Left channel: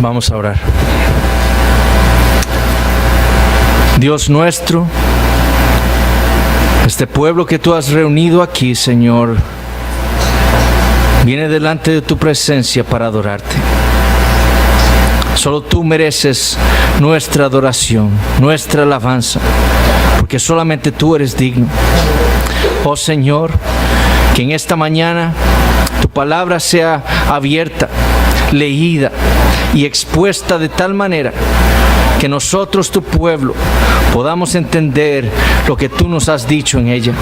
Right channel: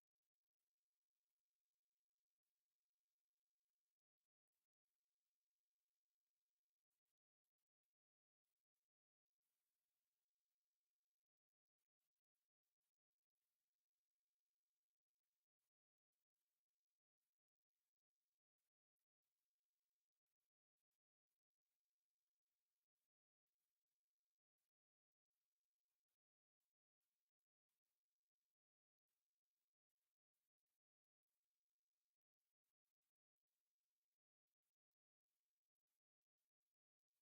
Vamos a orar. Dios nuestro, este pueblo que tú has reunido aquí, Señor, viene delante de tu presencia para adorarte. Solo tú mereces nuestra adoración, nuestra alabanza, porque solamente tú eres digno. Oh Señor, que en esta mañana tu palabra sea abierta, leída y expuesta de tal manera que nosotros, tu pueblo, podamos entender lo que tú nos has dicho en ella.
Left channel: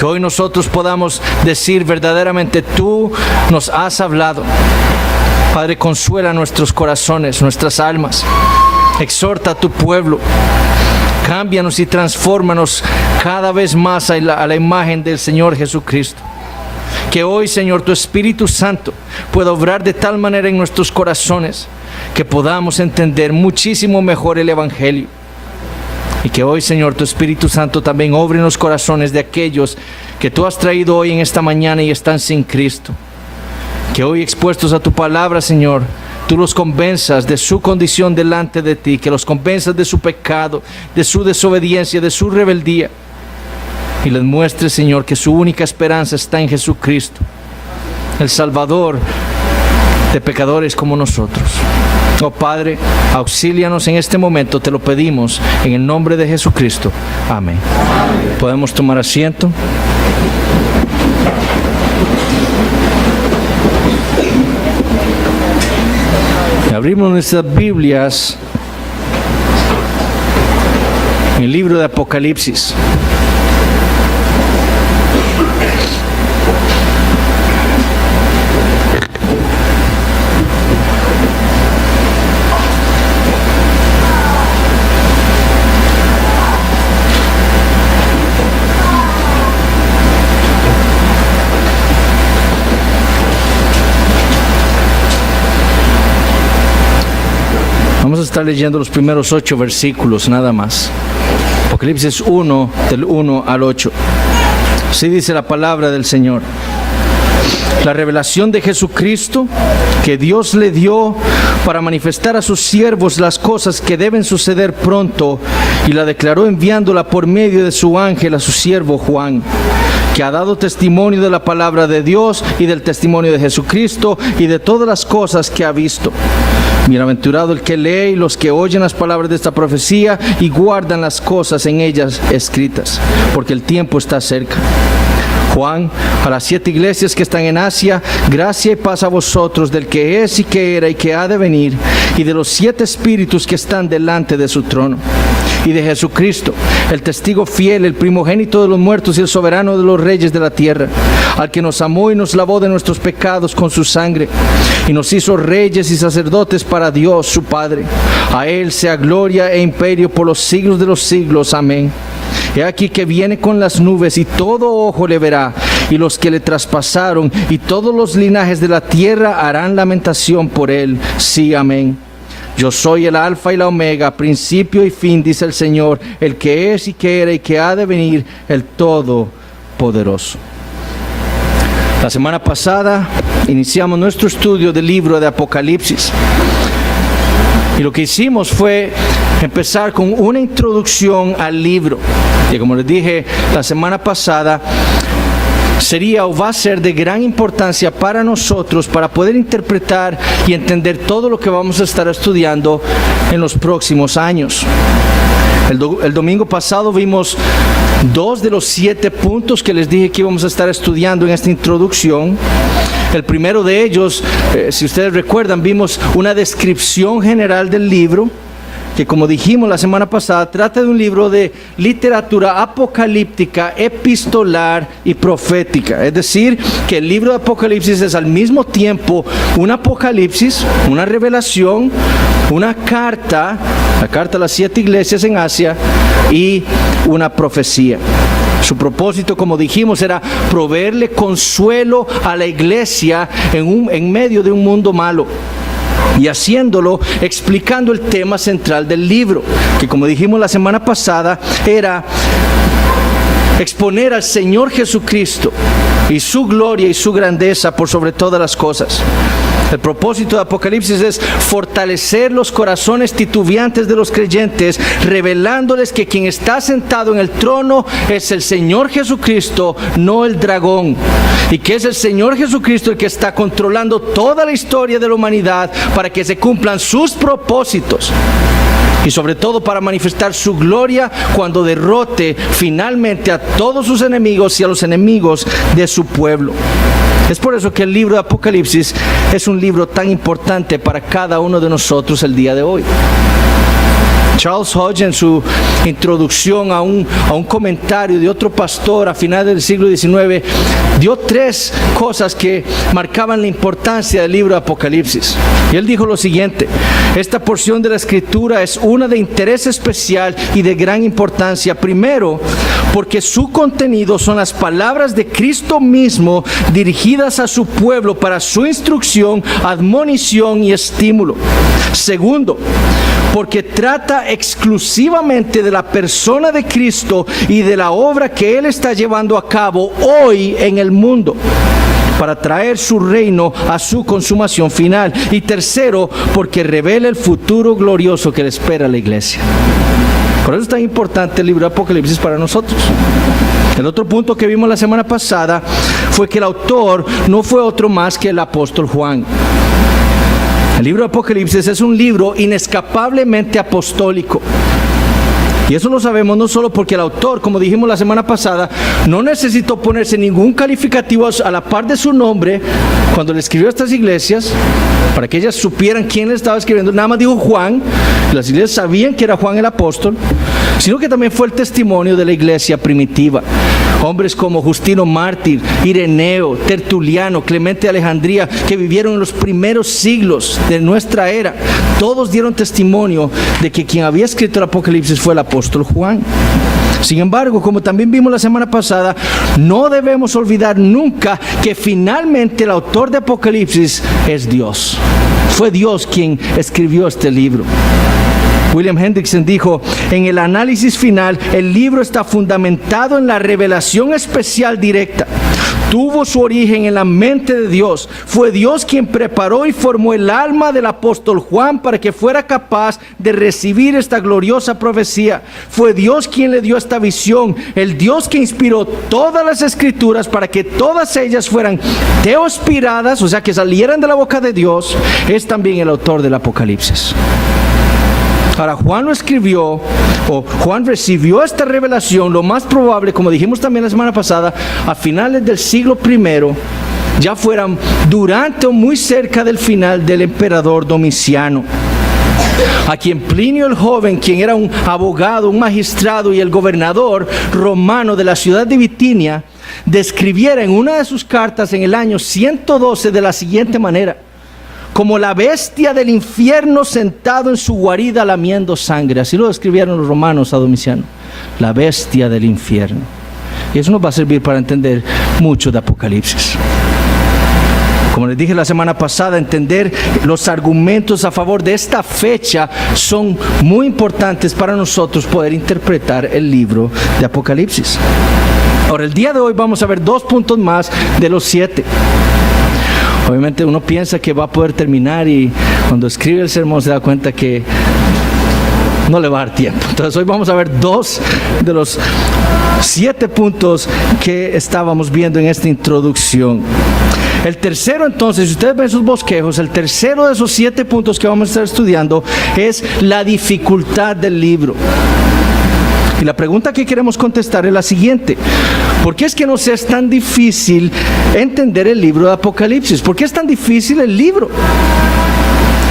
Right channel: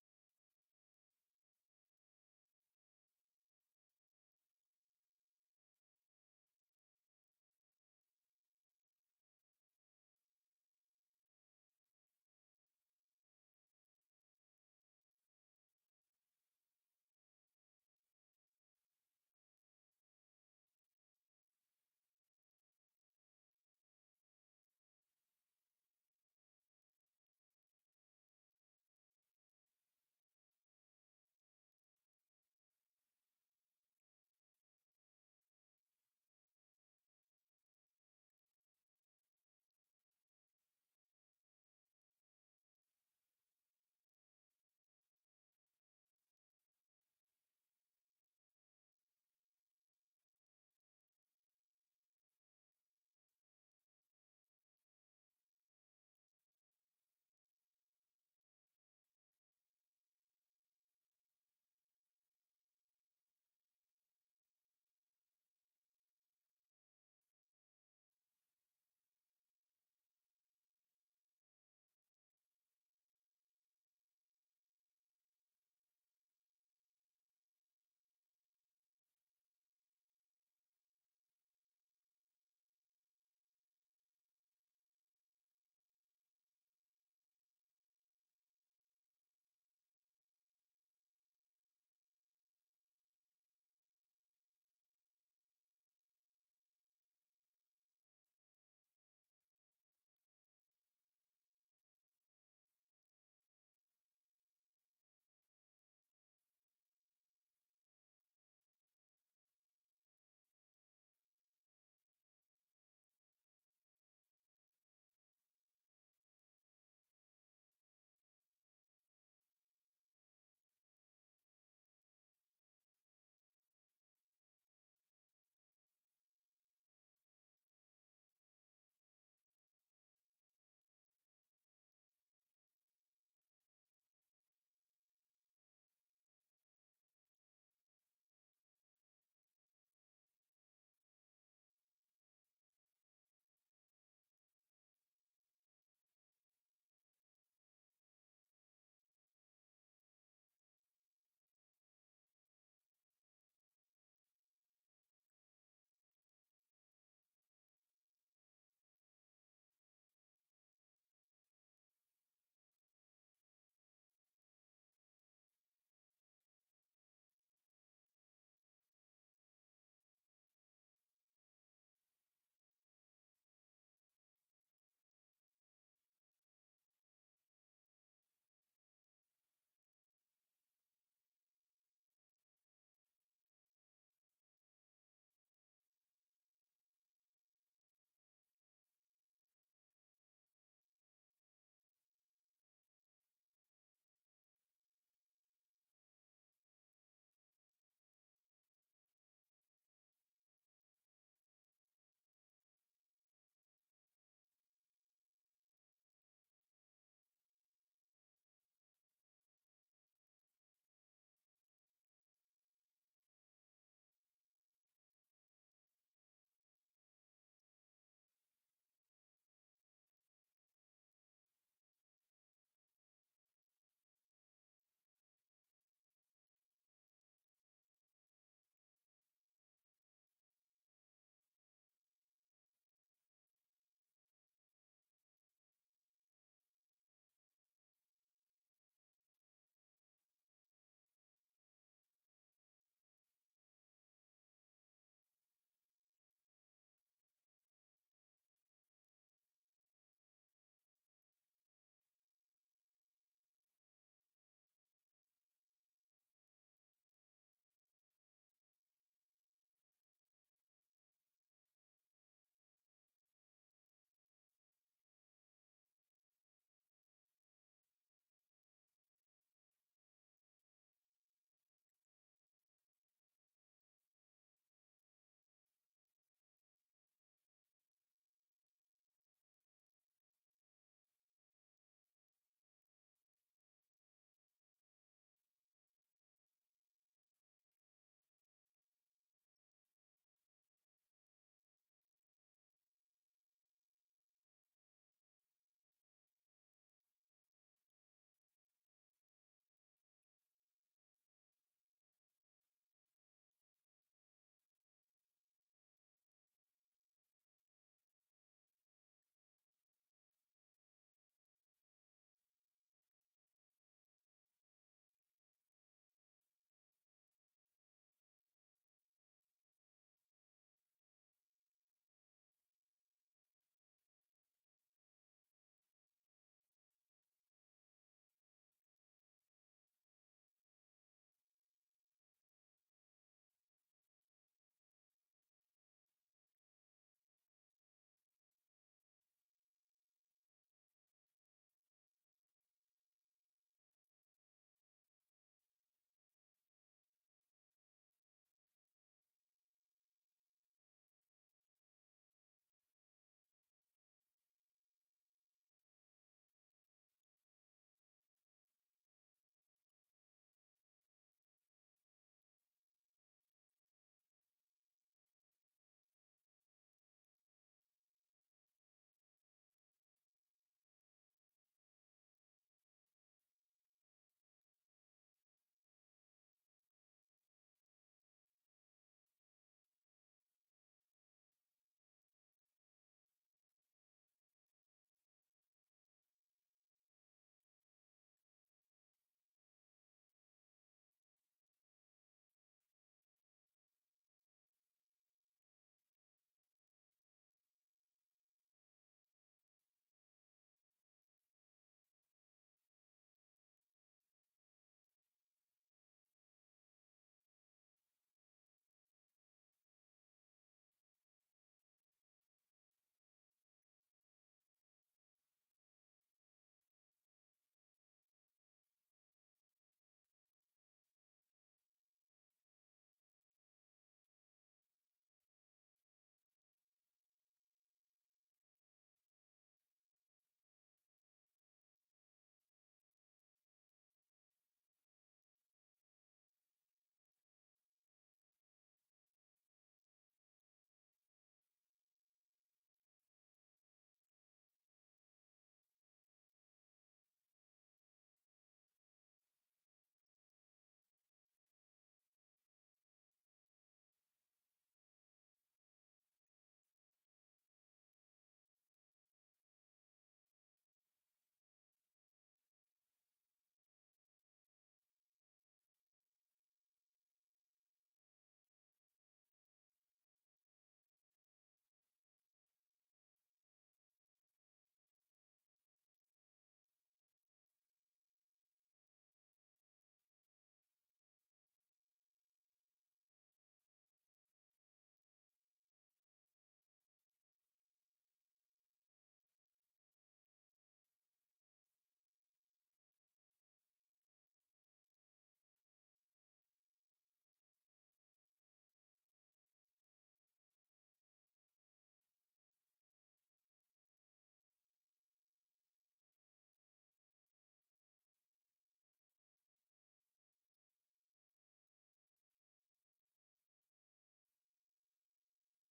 Que hoy nosotros podamos decir verdaderamente, tú nos has hablado. Padre, consuela nuestros corazones, nuestras almas. Exhorta a tu pueblo. Cámbianos y transfórmanos cada vez más a la imagen del Señor Jesucristo. Que hoy, Señor, tu Espíritu Santo pueda obrar de tal manera en nuestros corazones que podamos entender muchísimo mejor el Evangelio. Y que hoy, Señor, tu Espíritu Santo también obre en los corazones de aquellos que tú has traído hoy en esta mañana y están sin Cristo. Que hoy, expuestos a tu palabra, Señor, tú los convenzas de su condición delante de ti, que los convenzas de su pecado, de su desobediencia, de su rebeldía. Y les muestres, Señor, que su única esperanza está en Jesucristo, el Salvador de pecadores como nosotros. Oh Padre, auxílianos en este momento, te lo pedimos en el nombre de Jesucristo. Amén. ¿Podemos tomar asiento? Abrimos nuestras Biblias en el libro de Apocalipsis. Vamos a estar leyendo los primeros 8 versículos nada más. Apocalipsis 1, del 1 al 8. Así dice la palabra del Señor. La revelación de Jesucristo que Dios le dio para manifestar a sus siervos las cosas que deben suceder pronto, y la declaró enviándola por medio de su ángel a su siervo Juan, que ha dado testimonio de la palabra de Dios y del testimonio de Jesucristo y de todas las cosas que ha visto. Bienaventurado el que lee y los que oyen las palabras de esta profecía y guardan las cosas en ellas escritas, porque el tiempo está cerca. Juan, a las 7 iglesias que están en Asia, gracia y paz a vosotros del que es y que era y que ha de venir, y de los 7 espíritus que están delante de su trono, y de Jesucristo, el testigo fiel, el primogénito de los muertos y el soberano de los reyes de la tierra, al que nos amó y nos lavó de nuestros pecados con su sangre, y nos hizo reyes y sacerdotes para Dios su Padre. A él sea gloria e imperio por los siglos de los siglos. Amén. He aquí que viene con las nubes, y todo ojo le verá, y los que le traspasaron, y todos los linajes de la tierra harán lamentación por él. Sí, amén. Yo soy el alfa y la omega, principio y fin, dice el Señor, el que es y que era y que ha de venir, el Todopoderoso. La semana pasada iniciamos nuestro estudio del libro de Apocalipsis. Y lo que hicimos fue empezar con una introducción al libro, que, como les dije la semana pasada, sería o va a ser de gran importancia para nosotros para poder interpretar y entender todo lo que vamos a estar estudiando en los próximos años. El domingo pasado vimos 2 de los 7 puntos que les dije que íbamos a estar estudiando en esta introducción. El primero de ellos, si ustedes recuerdan, vimos una descripción general del libro, que, como dijimos la semana pasada, trata de un libro de literatura apocalíptica, epistolar y profética. Es decir, que el libro de Apocalipsis es al mismo tiempo un apocalipsis, una revelación, una carta, la carta a las 7 iglesias en Asia, y una profecía. Su propósito, como dijimos, era proveerle consuelo a la iglesia en medio de un mundo malo. Y haciéndolo explicando el tema central del libro, que, como dijimos la semana pasada, era exponer al Señor Jesucristo y su gloria y su grandeza por sobre todas las cosas. El propósito de Apocalipsis es fortalecer los corazones titubeantes de los creyentes, revelándoles que quien está sentado en el trono es el Señor Jesucristo, no el dragón, y que es el Señor Jesucristo el que está controlando toda la historia de la humanidad para que se cumplan sus propósitos. Y sobre todo para manifestar su gloria cuando derrote finalmente a todos sus enemigos y a los enemigos de su pueblo. Es por eso que el libro de Apocalipsis es un libro tan importante para cada uno de nosotros el día de hoy. Charles Hodge, en su introducción a un comentario de otro pastor a finales del siglo XIX, dio 3 cosas que marcaban la importancia del libro de Apocalipsis. Y él dijo lo siguiente: esta porción de la Escritura es una de interés especial y de gran importancia. Primero, porque su contenido son las palabras de Cristo mismo dirigidas a su pueblo para su instrucción, admonición y estímulo. Segundo, porque trata exclusivamente de la persona de Cristo y de la obra que Él está llevando a cabo hoy en el mundo para traer su reino a su consumación final. Y tercero, porque revela el futuro glorioso que le espera a la iglesia. Por eso es tan importante el libro de Apocalipsis para nosotros. El otro punto que vimos la semana pasada fue que el autor no fue otro más que el apóstol Juan. El libro de Apocalipsis es un libro inescapablemente apostólico. Y eso lo sabemos no solo porque el autor, como dijimos la semana pasada, no necesitó ponerse ningún calificativo a la par de su nombre cuando le escribió a estas iglesias, para que ellas supieran quién le estaba escribiendo. Nada más dijo Juan, y las iglesias sabían que era Juan el apóstol, sino que también fue el testimonio de la iglesia primitiva. Hombres como Justino Mártir, Ireneo, Tertuliano, Clemente de Alejandría, que vivieron en los primeros siglos de nuestra era, todos dieron testimonio de que quien había escrito el Apocalipsis fue el apóstol Juan. Sin embargo, como también vimos la semana pasada, no debemos olvidar nunca que finalmente el autor de Apocalipsis es Dios. Fue Dios quien escribió este libro. William Hendrickson dijo: en el análisis final, el libro está fundamentado en la revelación especial directa. Tuvo su origen en la mente de Dios. Fue Dios quien preparó y formó el alma del apóstol Juan para que fuera capaz de recibir esta gloriosa profecía. Fue Dios quien le dio esta visión. El Dios que inspiró todas las escrituras para que todas ellas fueran teospiradas, o sea, que salieran de la boca de Dios, es también el autor del Apocalipsis. Ahora, Juan lo escribió, o Juan recibió esta revelación, lo más probable, como dijimos también la semana pasada, a finales del siglo I, ya fueran durante o muy cerca del final del emperador Domiciano, a quien Plinio el Joven, quien era un abogado, un magistrado y el gobernador romano de la ciudad de Bitinia, describiera en una de sus cartas en el año 112 de la siguiente manera: como la bestia del infierno sentado en su guarida lamiendo sangre. Así lo describieron los romanos a Domiciano, la bestia del infierno. Y eso nos va a servir para entender mucho de Apocalipsis. Como les dije la semana pasada, entender los argumentos a favor de esta fecha son muy importantes para nosotros poder interpretar el libro de Apocalipsis. Ahora, el día de hoy vamos a ver 2 puntos más de los 7. Obviamente uno piensa que va a poder terminar y cuando escribe el sermón se da cuenta que no le va a dar tiempo. Entonces hoy vamos a ver 2 de los 7 puntos que estábamos viendo en esta introducción. El tercero, entonces, si ustedes ven sus bosquejos, el tercero de esos 7 puntos que vamos a estar estudiando es la dificultad del libro. Y la pregunta que queremos contestar es la siguiente: ¿por qué es que nos es tan difícil entender el libro de Apocalipsis? ¿Por qué es tan difícil el libro?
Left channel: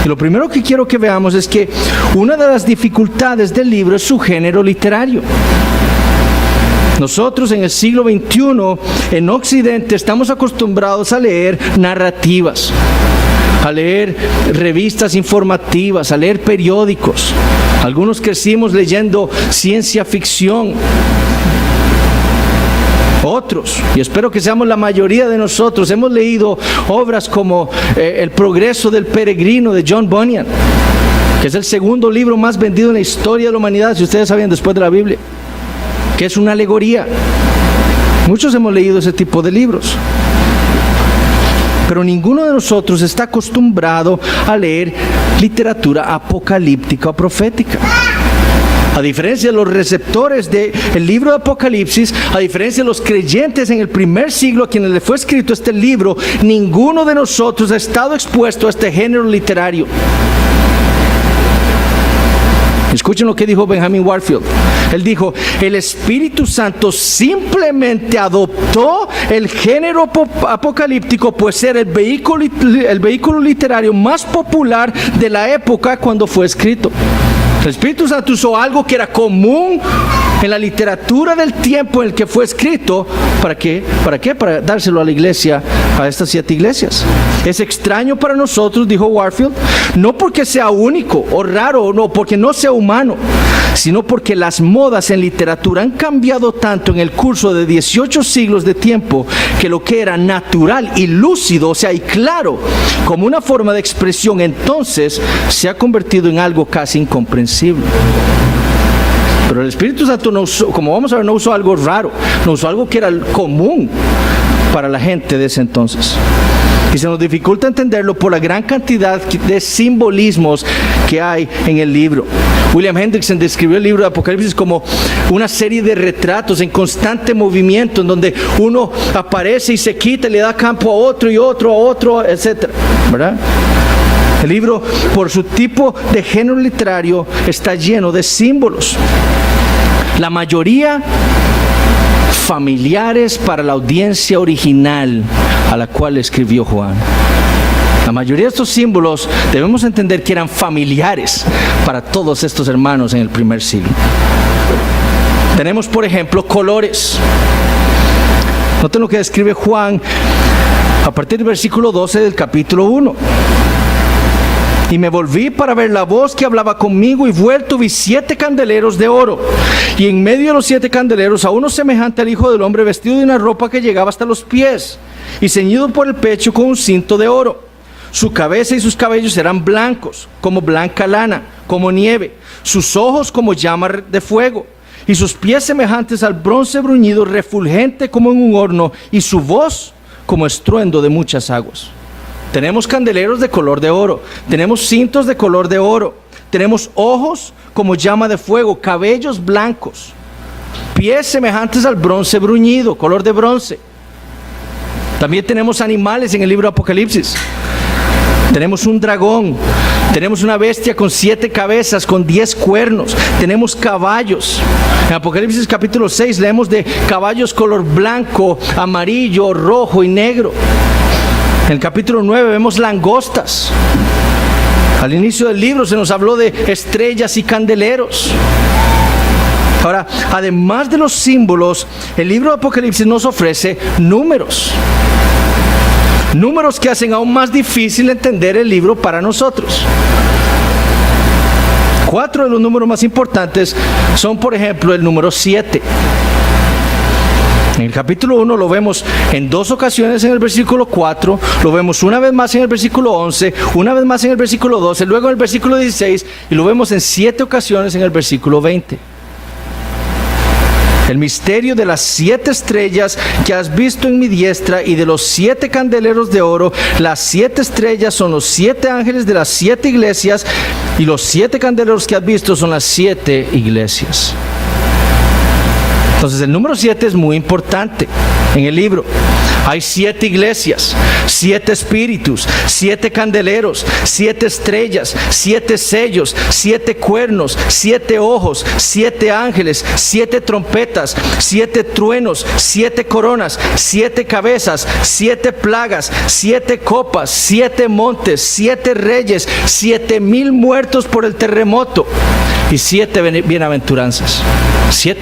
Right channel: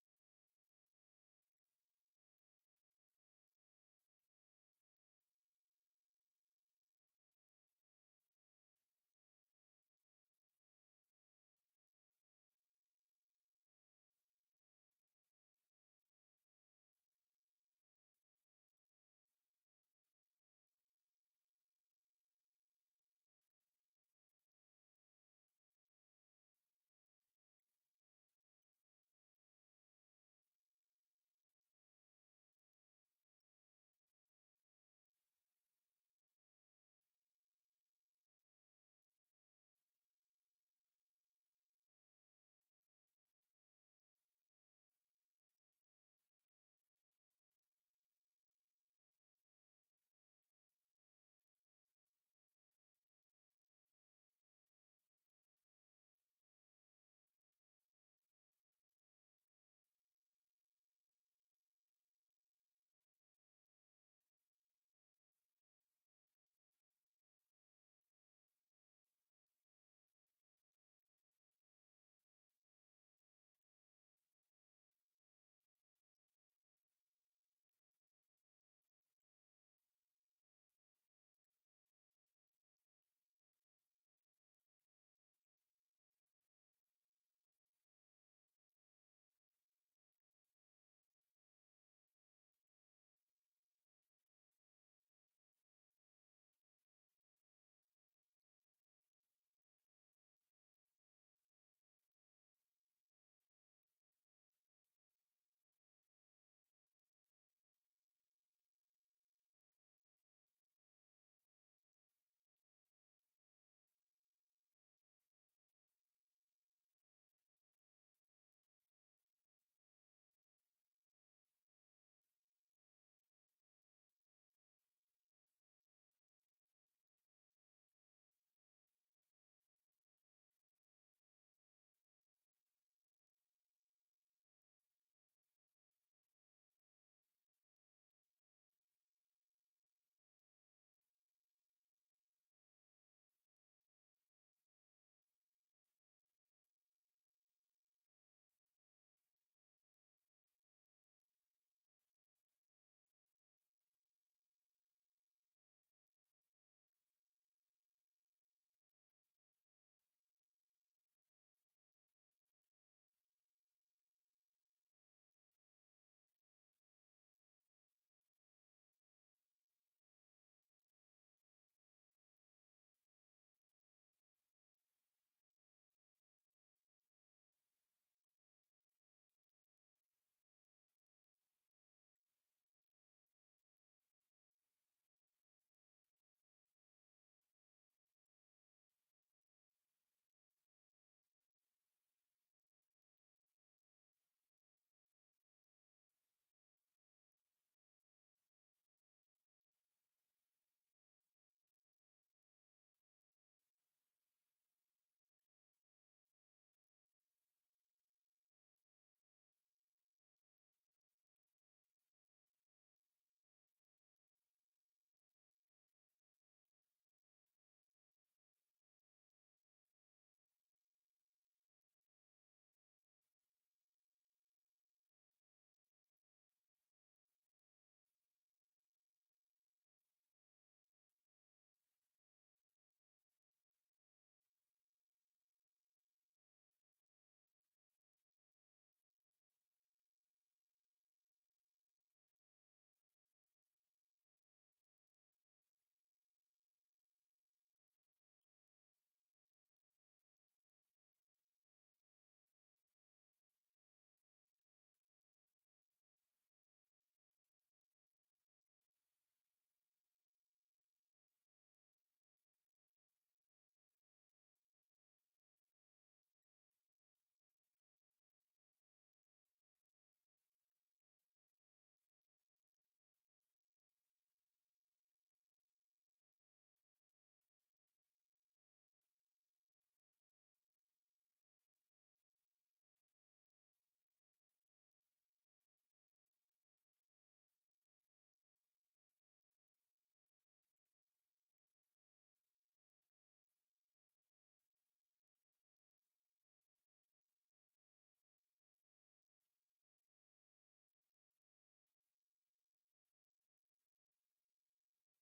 Y lo primero que quiero que veamos es que una de las dificultades del libro es su género literario. Nosotros en el siglo XXI, en Occidente, estamos acostumbrados a leer narrativas, a leer revistas informativas, a leer periódicos. Algunos crecimos leyendo ciencia ficción. Otros, y espero que seamos la mayoría de nosotros, hemos leído obras como El progreso del peregrino de John Bunyan, que es el segundo libro más vendido en la historia de la humanidad, si ustedes sabían, después de la Biblia, que es una alegoría. Muchos hemos leído ese tipo de libros, pero ninguno de nosotros está acostumbrado a leer literatura apocalíptica o profética. A diferencia de los receptores del libro de Apocalipsis, a diferencia de los creyentes en el primer siglo a quienes le fue escrito este libro, ninguno de nosotros ha estado expuesto a este género literario. Escuchen lo que dijo Benjamin Warfield. Él dijo: el Espíritu Santo simplemente adoptó el género apocalíptico, pues era el vehículo literario más popular de la época cuando fue escrito. El Espíritu Santo usó algo que era común en la literatura del tiempo en el que fue escrito. ¿Para qué? ¿Para qué? Para dárselo a la iglesia, a estas 7 iglesias. Es extraño para nosotros, dijo Warfield, no porque sea único o raro, o no porque no sea humano, sino porque las modas en literatura han cambiado tanto en el curso de 18 siglos de tiempo que lo que era natural y lúcido, o sea, y claro, como una forma de expresión, entonces se ha convertido en algo casi incomprensible. Pero el Espíritu Santo no usó, como vamos a ver, no usó algo raro, no usó algo que era común para la gente de ese entonces. Y se nos dificulta entenderlo por la gran cantidad de simbolismos que hay en el libro. William Hendrickson describió el libro de Apocalipsis como una serie de retratos en constante movimiento, en donde uno aparece y se quita y le da campo a otro y otro a otro, etc. ¿Verdad? El libro, por su tipo de género literario, está lleno de símbolos. La mayoría familiares para la audiencia original a la cual escribió Juan. La mayoría de estos símbolos debemos entender que eran familiares para todos estos hermanos en el primer siglo. Tenemos, por ejemplo, colores. Noten lo que describe Juan a partir del versículo 12 del capítulo 1. Y me volví para ver la voz que hablaba conmigo, y vuelto vi 7 candeleros de oro, y en medio de los 7 candeleros a uno semejante al Hijo del Hombre, vestido de una ropa que llegaba hasta los pies y ceñido por el pecho con un cinto de oro. Su cabeza y sus cabellos eran blancos, como blanca lana, como nieve, sus ojos como llama de fuego, y sus pies semejantes al bronce bruñido, refulgente como en un horno, y su voz como estruendo de muchas aguas. Tenemos candeleros de color de oro, tenemos cintos de color de oro, tenemos ojos como llama de fuego, cabellos blancos, pies semejantes al bronce bruñido, color de bronce. También tenemos animales en el libro de Apocalipsis. Tenemos un dragón, tenemos una bestia con 7 cabezas, con 10 cuernos, tenemos caballos. En Apocalipsis capítulo 6 leemos de caballos color blanco, amarillo, rojo y negro. En el capítulo 9 vemos langostas. Al inicio del libro se nos habló de estrellas y candeleros. Ahora, además de los símbolos, el libro de Apocalipsis nos ofrece números. Números que hacen aún más difícil entender el libro para nosotros. 4 de los números más importantes son, por ejemplo, el número 7. En el capítulo 1 lo vemos en 2 ocasiones en el versículo 4, lo vemos una vez más en el versículo 11, una vez más en el versículo 12, luego en el versículo 16, y lo vemos en 7 ocasiones en el versículo 20. El misterio de las 7 estrellas que has visto en mi diestra y de los 7 candeleros de oro. Las 7 estrellas son los 7 ángeles de las 7 iglesias, y los 7 candeleros que has visto son las 7 iglesias. Entonces el número 7 es muy importante en el libro. Hay 7 iglesias, 7 espíritus, 7 candeleros, 7 estrellas, 7 sellos, 7 cuernos, 7 ojos, 7 ángeles, 7 trompetas, 7 truenos, 7 coronas, 7 cabezas, 7 plagas, 7 copas, 7 montes, 7 reyes, 7,000 muertos por el terremoto y 7 bienaventuranzas. 7.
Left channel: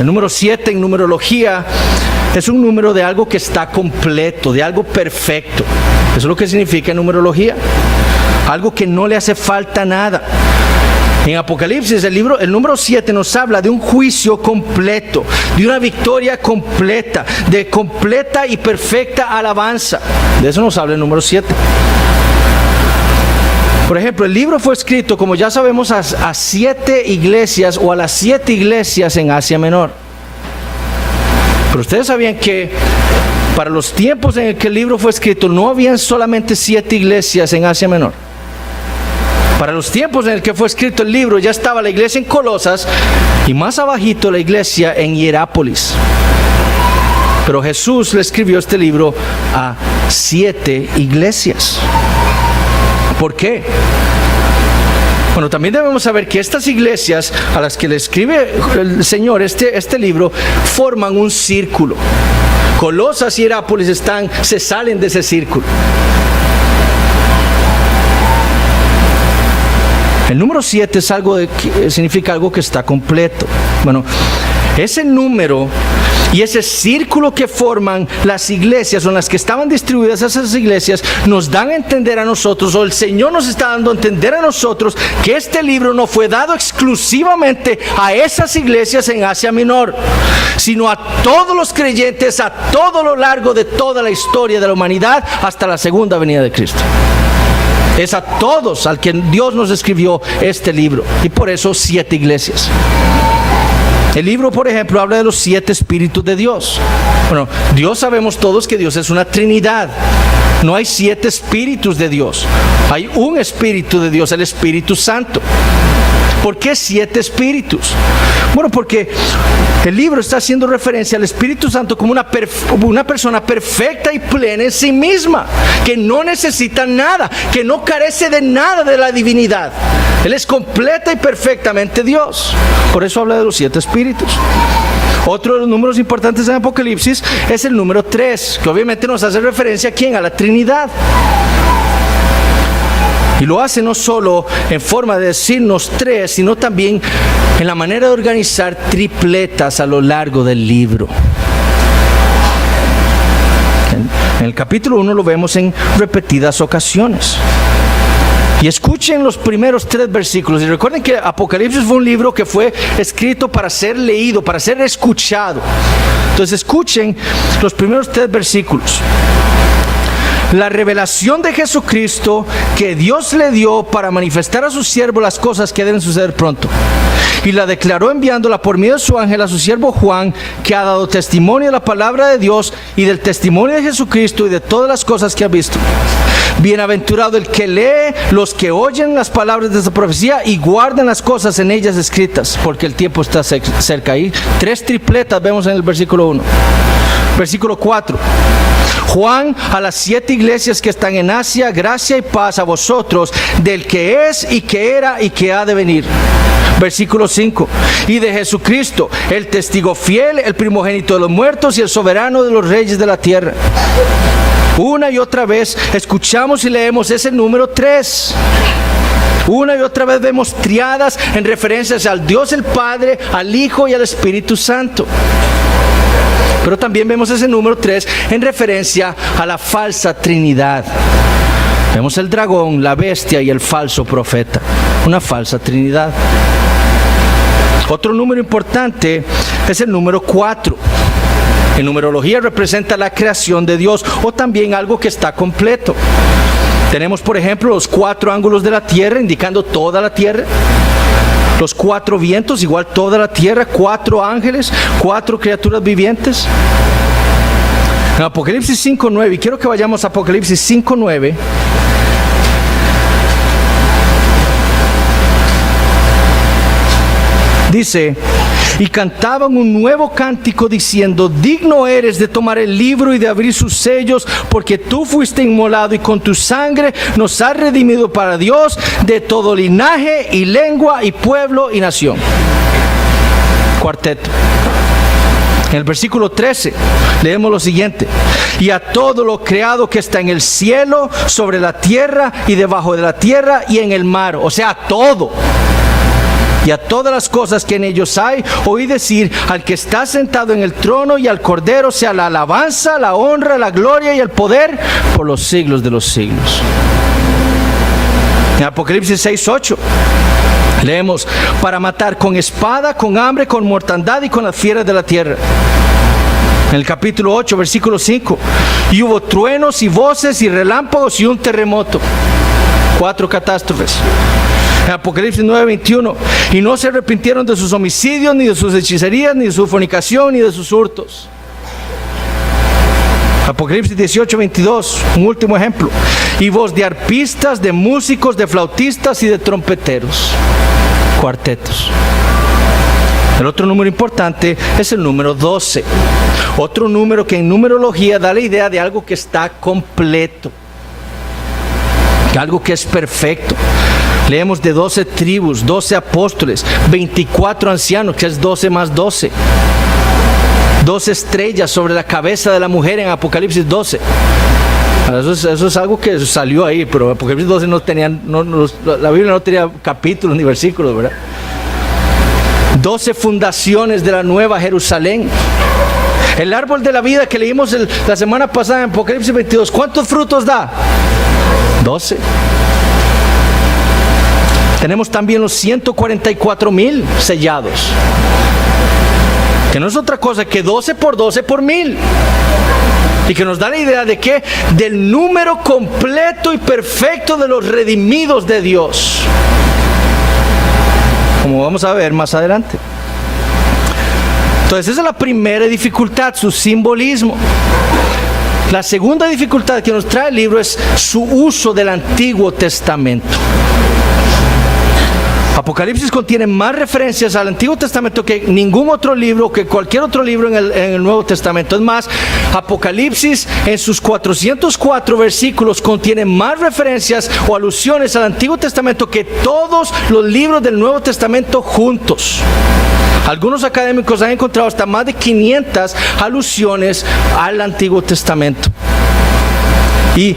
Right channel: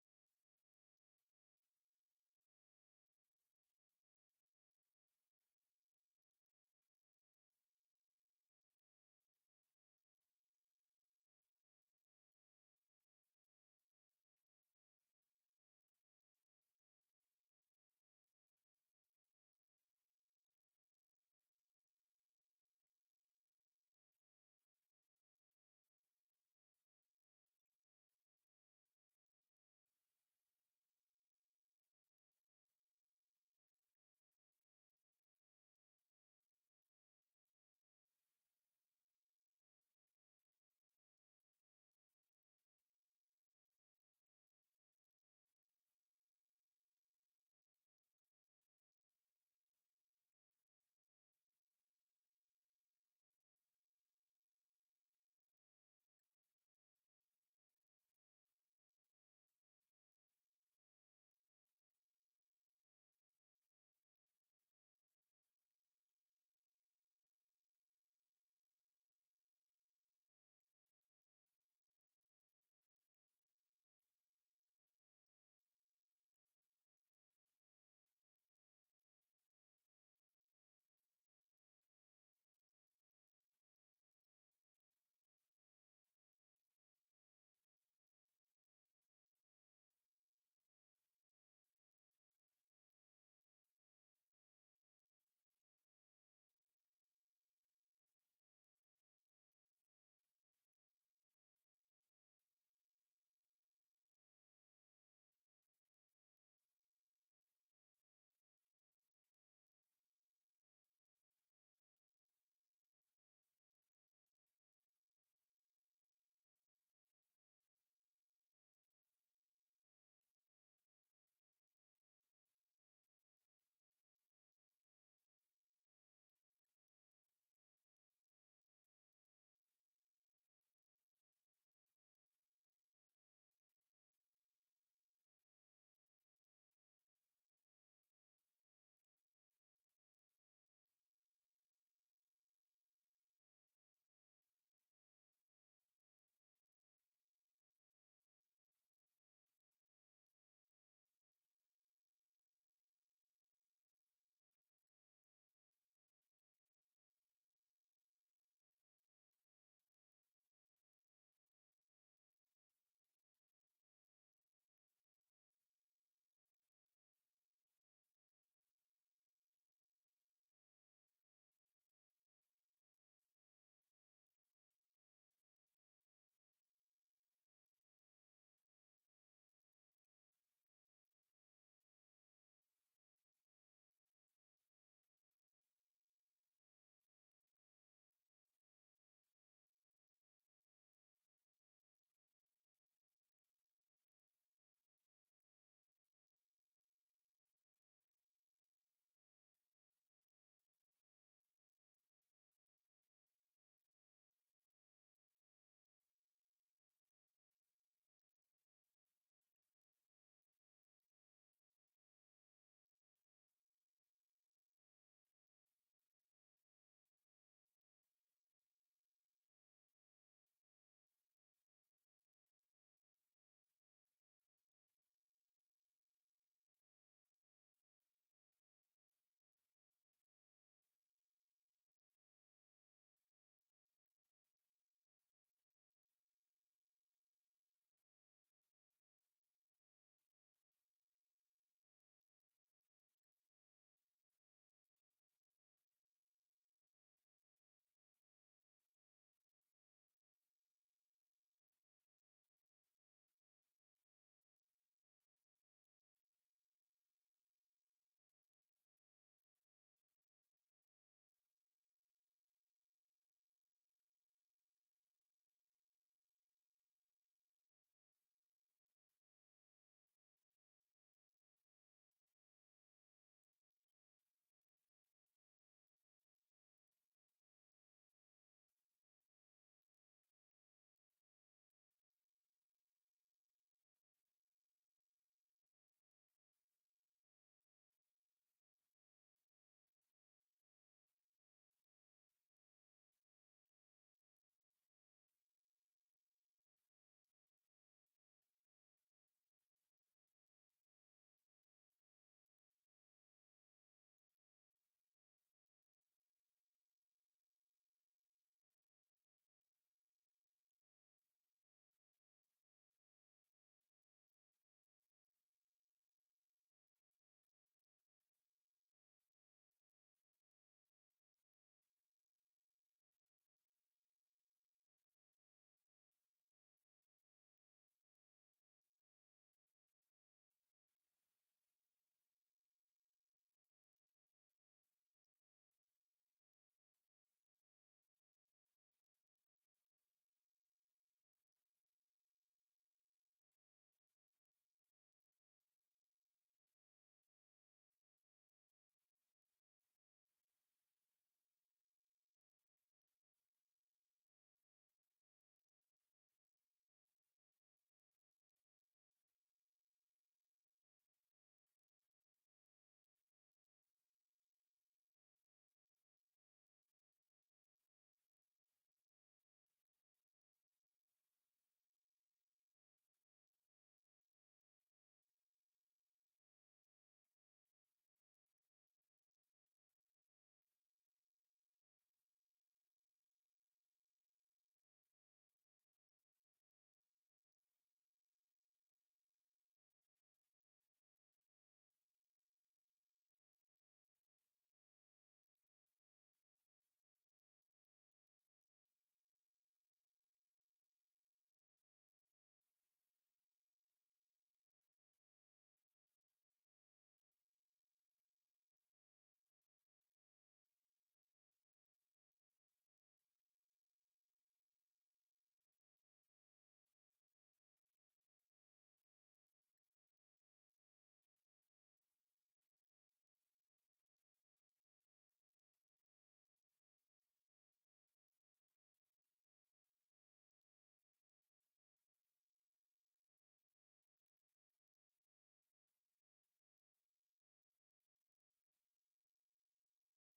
El número 7 en numerología es un número de algo que está completo, de algo perfecto. Eso es lo que significa numerología. Algo que no le hace falta nada. En Apocalipsis, el número 7 nos habla de un juicio completo, de una victoria completa, de completa y perfecta alabanza. De eso nos habla el número 7. Por ejemplo, el libro fue escrito, como ya sabemos, a 7 iglesias o a las 7 iglesias en Asia Menor. Pero ustedes sabían que para los tiempos en el que el libro fue escrito, no habían solamente 7 iglesias en Asia Menor. Para los tiempos en el que fue escrito el libro, ya estaba la iglesia en Colosas y más abajito la iglesia en Hierápolis. Pero Jesús le escribió este libro a 7 iglesias. ¿Por qué? Bueno, también debemos saber que estas iglesias a las que le escribe el Señor este libro forman un círculo. Colosas y Hierápolis se salen de ese círculo. El número 7 significa algo que está completo. Bueno, ese número y ese círculo que forman las iglesias, o en las que estaban distribuidas esas iglesias, nos dan a entender a nosotros, o el Señor nos está dando a entender a nosotros, que este libro no fue dado exclusivamente a esas iglesias en Asia Menor, sino a todos los creyentes a todo lo largo de toda la historia de la humanidad hasta la segunda venida de Cristo. Es a todos al que Dios nos escribió este libro, y por eso 7 iglesias. El libro, por ejemplo, habla de los 7 espíritus de Dios. Bueno, Dios, sabemos todos que Dios es una Trinidad. No hay 7 espíritus de Dios. Hay un espíritu de Dios, el Espíritu Santo. ¿Por qué 7 espíritus? Bueno, porque el libro está haciendo referencia al Espíritu Santo como una persona perfecta y plena en sí misma, que no necesita nada, que no carece de nada de la divinidad. Él es completa y perfectamente Dios. Por eso habla de los 7 espíritus. Otro de los números importantes en Apocalipsis es el número 3, que obviamente nos hace referencia ¿a quién? A la Trinidad. Y lo hace no solo en forma de decirnos 3, sino también en la manera de organizar tripletas a lo largo del libro. En el capítulo 1 lo vemos en repetidas ocasiones. Y escuchen los primeros 3 versículos. Y recuerden que Apocalipsis fue un libro que fue escrito para ser leído, para ser escuchado. Entonces escuchen los primeros 3 versículos. La revelación de Jesucristo que Dios le dio para manifestar a su siervo las cosas que deben suceder pronto. Y la declaró enviándola por medio de su ángel a su siervo Juan, que ha dado testimonio de la palabra de Dios y del testimonio de Jesucristo y de todas las cosas que ha visto. Bienaventurado el que lee, los que oyen las palabras de esta profecía y guardan las cosas en ellas escritas, porque el tiempo está cerca. Ahí 3 tripletas vemos en el versículo 1. Versículo 4. Juan, a las 7 iglesias que están en Asia, gracia y paz a vosotros, del que es y que era y que ha de venir. Versículo 5. Y de Jesucristo, el testigo fiel, el primogénito de los muertos y el soberano de los reyes de la tierra. Una y otra vez escuchamos y leemos ese número 3. Una y otra vez vemos triadas en referencias al Dios el Padre, al Hijo y al Espíritu Santo. Pero también vemos ese número 3 en referencia a la falsa Trinidad. Vemos el dragón, la bestia y el falso profeta. Una falsa Trinidad. Otro número importante es el número 4. En numerología representa la creación de Dios, o también algo que está completo. Tenemos, por ejemplo, los 4 ángulos de la tierra, indicando toda la tierra. Los 4 vientos, igual toda la tierra. 4 ángeles, 4 criaturas vivientes. En Apocalipsis 5:9, y quiero que vayamos a Apocalipsis 5:9. Dice: y cantaban un nuevo cántico diciendo: digno eres de tomar el libro y de abrir sus sellos, porque tú fuiste inmolado y con tu sangre nos has redimido para Dios de todo linaje y lengua y pueblo y nación. Cuarteto. En el versículo 13 leemos lo siguiente: y a todo lo creado que está en el cielo, sobre la tierra y debajo de la tierra y en el mar, o sea, a todo. Y a todas las cosas que en ellos hay, oí decir al que está sentado en el trono y al Cordero sea la alabanza, la honra, la gloria y el poder por los siglos de los siglos. En Apocalipsis 6:8 leemos: para matar con espada, con hambre, con mortandad y con las fieras de la tierra. En el capítulo 8, versículo 5, y hubo truenos y voces y relámpagos y un terremoto. 4 catástrofes. En Apocalipsis 9:21, y no se arrepintieron de sus homicidios, ni de sus hechicerías, ni de su fornicación, ni de sus hurtos. Apocalipsis 18, 22, un último ejemplo. Y voz de arpistas, de músicos, de flautistas y de trompeteros. Cuartetos. El otro número importante es el número 12. Otro número que en numerología da la idea de algo que está completo. Algo que es perfecto. Leemos de 12 tribus, 12 apóstoles, 24 ancianos, que es 12 más 12. 12 estrellas sobre la cabeza de la mujer en Apocalipsis 12. Eso es algo que salió ahí, pero Apocalipsis 12 no tenía, la Biblia no tenía capítulos ni versículos, ¿verdad? 12 fundaciones de la Nueva Jerusalén. El árbol de la vida que leímos la semana pasada en Apocalipsis 22, ¿cuántos frutos da? 12. Tenemos también los 144,000 sellados, que no es otra cosa que 12 por 12 por 1000. Y que nos da la idea de que del número completo y perfecto de los redimidos de Dios, como vamos a ver más adelante. Entonces esa es la primera dificultad, su simbolismo. La segunda dificultad que nos trae el libro es su uso del Antiguo Testamento. Apocalipsis contiene más referencias al Antiguo Testamento que ningún otro libro, que cualquier otro libro en el Nuevo Testamento. Es más, Apocalipsis en sus 404 versículos contiene más referencias o alusiones al Antiguo Testamento que todos los libros del Nuevo Testamento juntos. Algunos académicos han encontrado hasta más de 500 alusiones al Antiguo Testamento. Y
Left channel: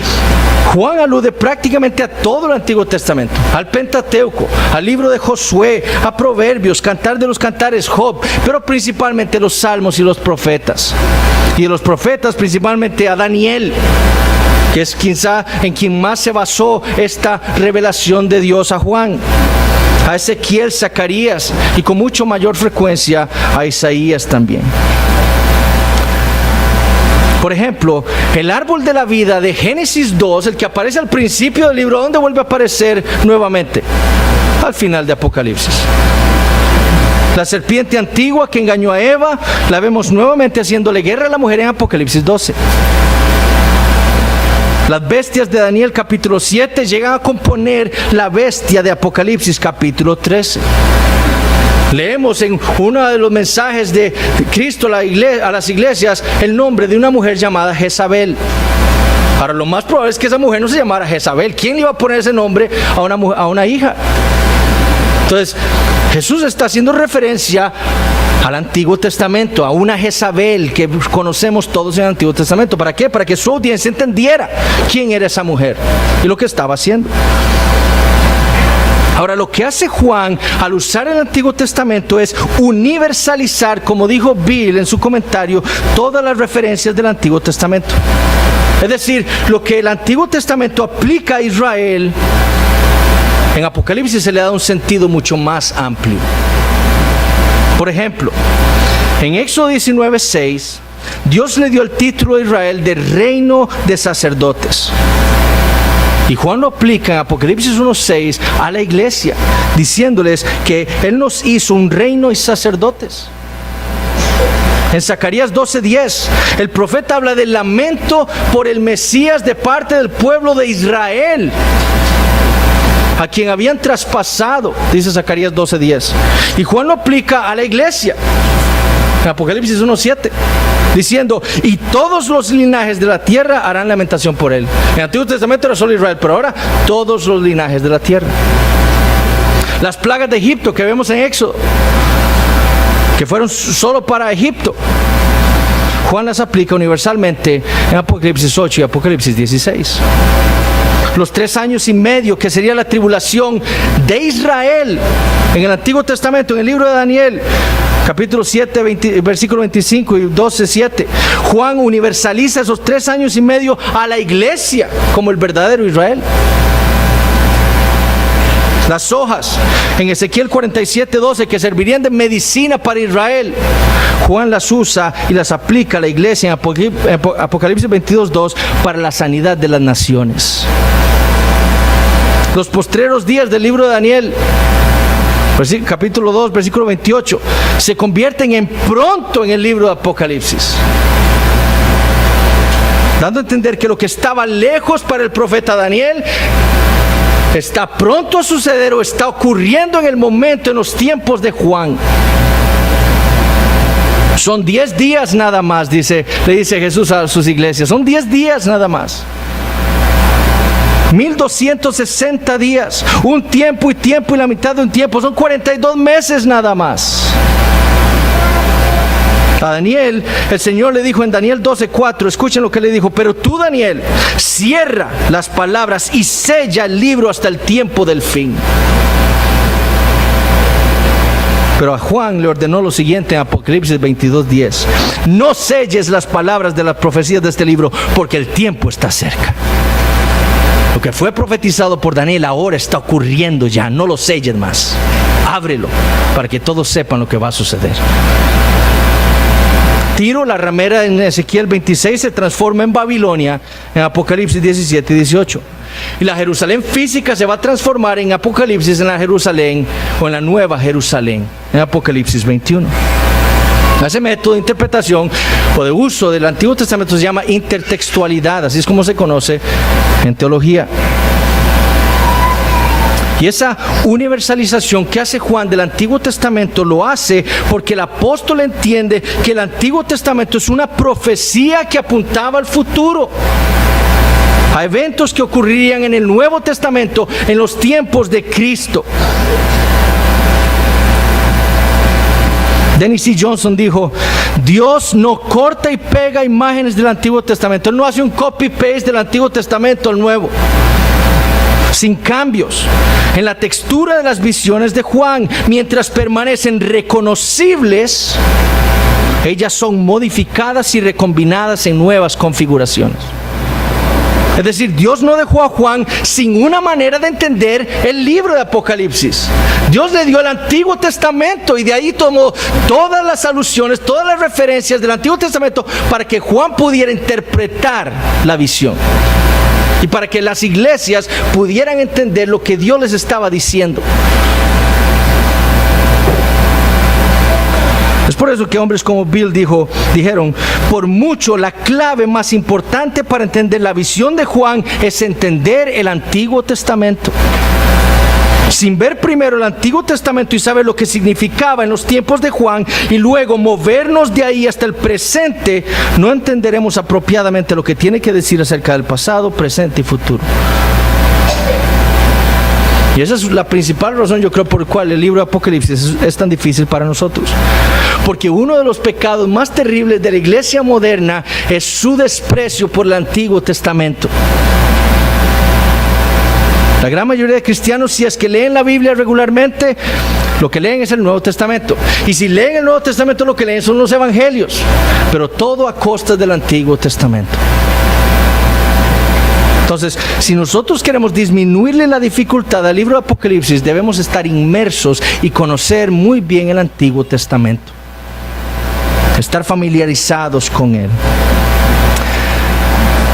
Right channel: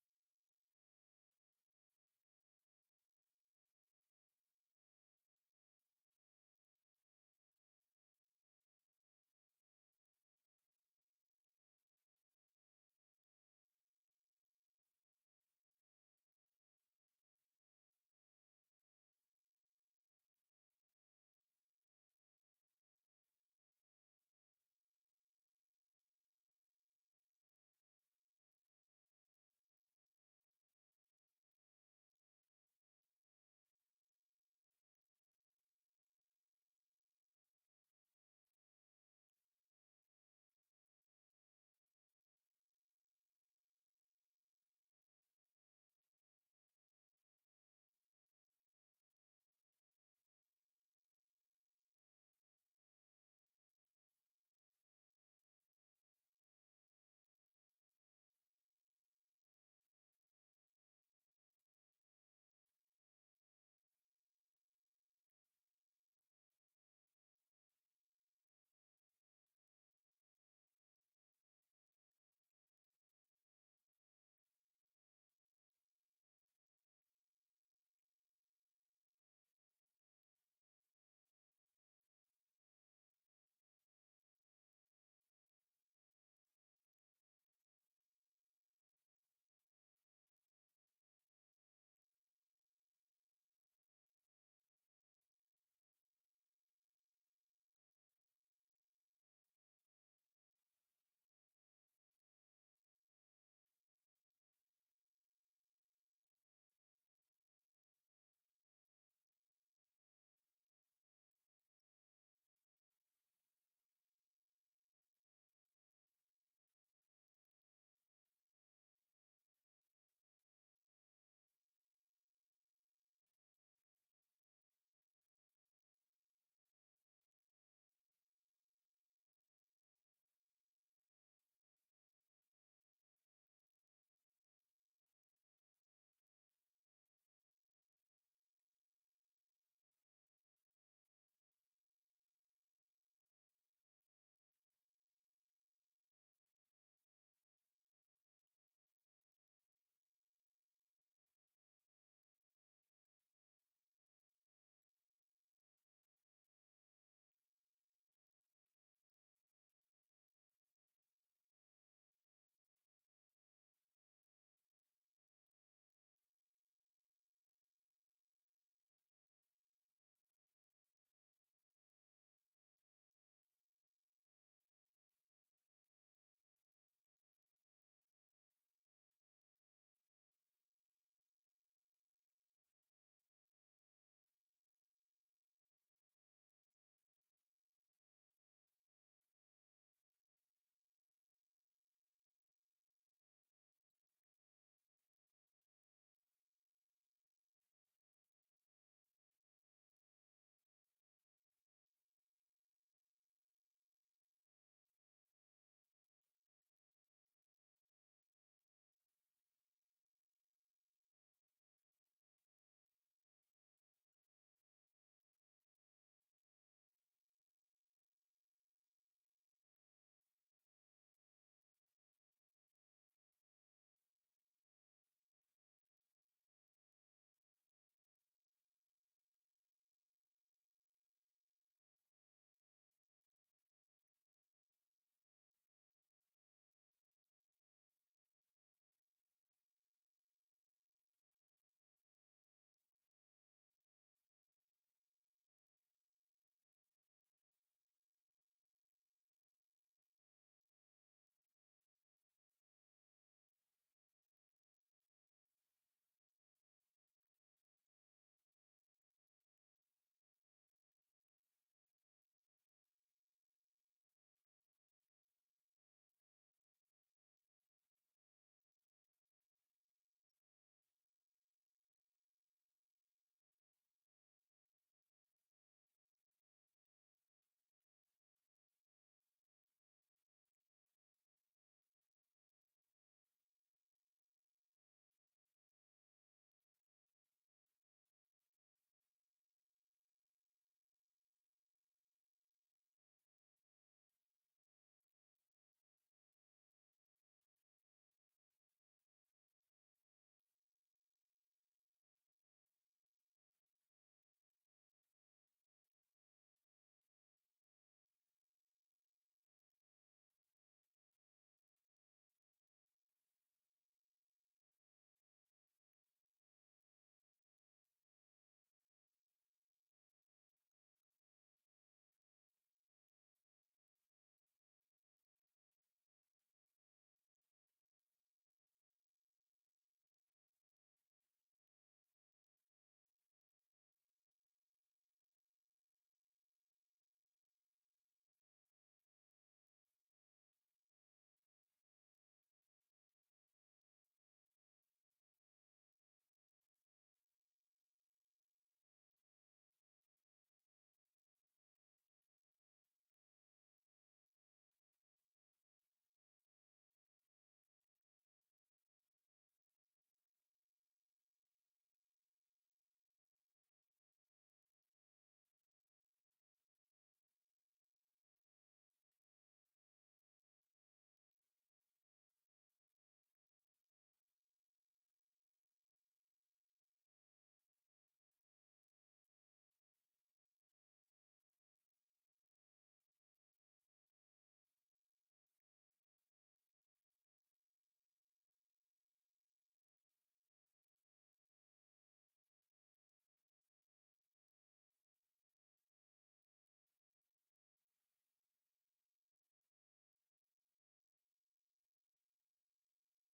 Juan alude prácticamente a todo el Antiguo Testamento, al Pentateuco, al libro de Josué, a Proverbios, Cantar de los Cantares, Job, pero principalmente los Salmos y los profetas. Y de los profetas principalmente a Daniel, que es quizá en quien más se basó esta revelación de Dios a Juan. A Ezequiel, Zacarías y con mucho mayor frecuencia a Isaías también. Por ejemplo, el árbol de la vida de Génesis 2, el que aparece al principio del libro, ¿dónde vuelve a aparecer nuevamente? Al final de Apocalipsis. La serpiente antigua que engañó a Eva, la vemos nuevamente haciéndole guerra a la mujer en Apocalipsis 12. Las bestias de Daniel capítulo 7 llegan a componer la bestia de Apocalipsis capítulo 13. Leemos en uno de los mensajes de Cristo a las iglesias el nombre de una mujer llamada Jezabel. Ahora, lo más probable es que esa mujer no se llamara Jezabel. ¿Quién le iba a poner ese nombre a una hija? Entonces, Jesús está haciendo referencia al Antiguo Testamento, a una Jezabel que conocemos todos en el Antiguo Testamento. ¿Para qué? Para que su audiencia entendiera quién era esa mujer y lo que estaba haciendo. Ahora, lo que hace Juan al usar el Antiguo Testamento es universalizar, como dijo Bill en su comentario, todas las referencias del Antiguo Testamento. Es decir, lo que el Antiguo Testamento aplica a Israel, en Apocalipsis se le da un sentido mucho más amplio. Por ejemplo, en Éxodo 19:6, Dios le dio el título a Israel de reino de sacerdotes. Y Juan lo aplica en Apocalipsis 1:6 a la iglesia, diciéndoles que Él nos hizo un reino y sacerdotes. En Zacarías 12:10, el profeta habla del lamento por el Mesías de parte del pueblo de Israel, a quien habían traspasado, dice Zacarías 12:10. Y Juan lo aplica a la iglesia, en Apocalipsis 1:7. Diciendo, y todos los linajes de la tierra harán lamentación por él. En el Antiguo Testamento era solo Israel, pero ahora todos los linajes de la tierra. Las plagas de Egipto que vemos en Éxodo, que fueron solo para Egipto, Juan las aplica universalmente en Apocalipsis 8 y Apocalipsis 16. Los 3 años y medio que sería la tribulación de Israel en el Antiguo Testamento, en el libro de Daniel, capítulo 7, versículo 25 y 12:7. Juan universaliza esos 3 años y medio a la iglesia como el verdadero Israel. Las hojas en Ezequiel 47:12 que servirían de medicina para Israel, Juan las usa y las aplica a la iglesia en Apocalipsis 22:2 para la sanidad de las naciones. Los postreros días del libro de Daniel, capítulo 2, versículo 28, se convierten en pronto en el libro de Apocalipsis. dando a entender que lo que estaba lejos para el profeta Daniel está pronto a suceder o está ocurriendo en el momento, en los tiempos de Juan. Son 10 días nada más, le dice Jesús a sus iglesias. Son 10 días nada más. 1260 días. Un tiempo y la mitad de un tiempo. Son 42 meses nada más. A Daniel, el Señor le dijo en Daniel 12:4, escuchen lo que le dijo: pero tú, Daniel, cierra las palabras y sella el libro hasta el tiempo del fin. Pero a Juan le ordenó lo siguiente en Apocalipsis 22:10: no selles las palabras de las profecías de este libro, porque el tiempo está cerca. Lo que fue profetizado por Daniel ahora está ocurriendo ya, no lo selles más. Ábrelo para que todos sepan lo que va a suceder. Tiro, la ramera en Ezequiel 26, se transforma en Babilonia en Apocalipsis 17 y 18. Y la Jerusalén física se va a transformar en Apocalipsis en la Jerusalén o en la Nueva Jerusalén en Apocalipsis 21. Ese método de interpretación o de uso del Antiguo Testamento se llama intertextualidad, así es como se conoce en teología. Y esa universalización que hace Juan del Antiguo Testamento lo hace porque el apóstol entiende que el Antiguo Testamento es una profecía que apuntaba al futuro, a eventos que ocurrirían en el Nuevo Testamento en los tiempos de Cristo. Dennis C. Johnson dijo: Dios no corta y pega imágenes del Antiguo Testamento. Él no hace un copy-paste del Antiguo Testamento al Nuevo, sin cambios en la textura de las visiones de Juan. Mientras permanecen reconocibles, ellas son modificadas y recombinadas en nuevas configuraciones. Es decir, Dios no dejó a Juan sin una manera de entender el libro de Apocalipsis. Dios le dio el Antiguo Testamento y de ahí tomó todas las alusiones, todas las referencias del Antiguo Testamento para que Juan pudiera interpretar la visión y para que las iglesias pudieran entender lo que Dios les estaba diciendo. Es por eso que hombres como Bill dijeron: por mucho la clave más importante para entender la visión de Juan es entender el Antiguo Testamento. Sin ver primero el Antiguo Testamento y saber lo que significaba en los tiempos de Juan y luego movernos de ahí hasta el presente, no entenderemos apropiadamente lo que tiene que decir acerca del pasado, presente y futuro. Y esa es la principal razón, yo creo, por la cual el libro de Apocalipsis es tan difícil para nosotros. Porque uno de los pecados más terribles de la iglesia moderna es su desprecio por el Antiguo Testamento. La gran mayoría de cristianos, si es que leen la Biblia regularmente, lo que leen es el Nuevo Testamento. Y si leen el Nuevo Testamento, lo que leen son los evangelios. Pero todo a costa del Antiguo Testamento. Entonces, si nosotros queremos disminuirle la dificultad al libro de Apocalipsis, debemos estar inmersos y conocer muy bien el Antiguo Testamento. Estar familiarizados con él.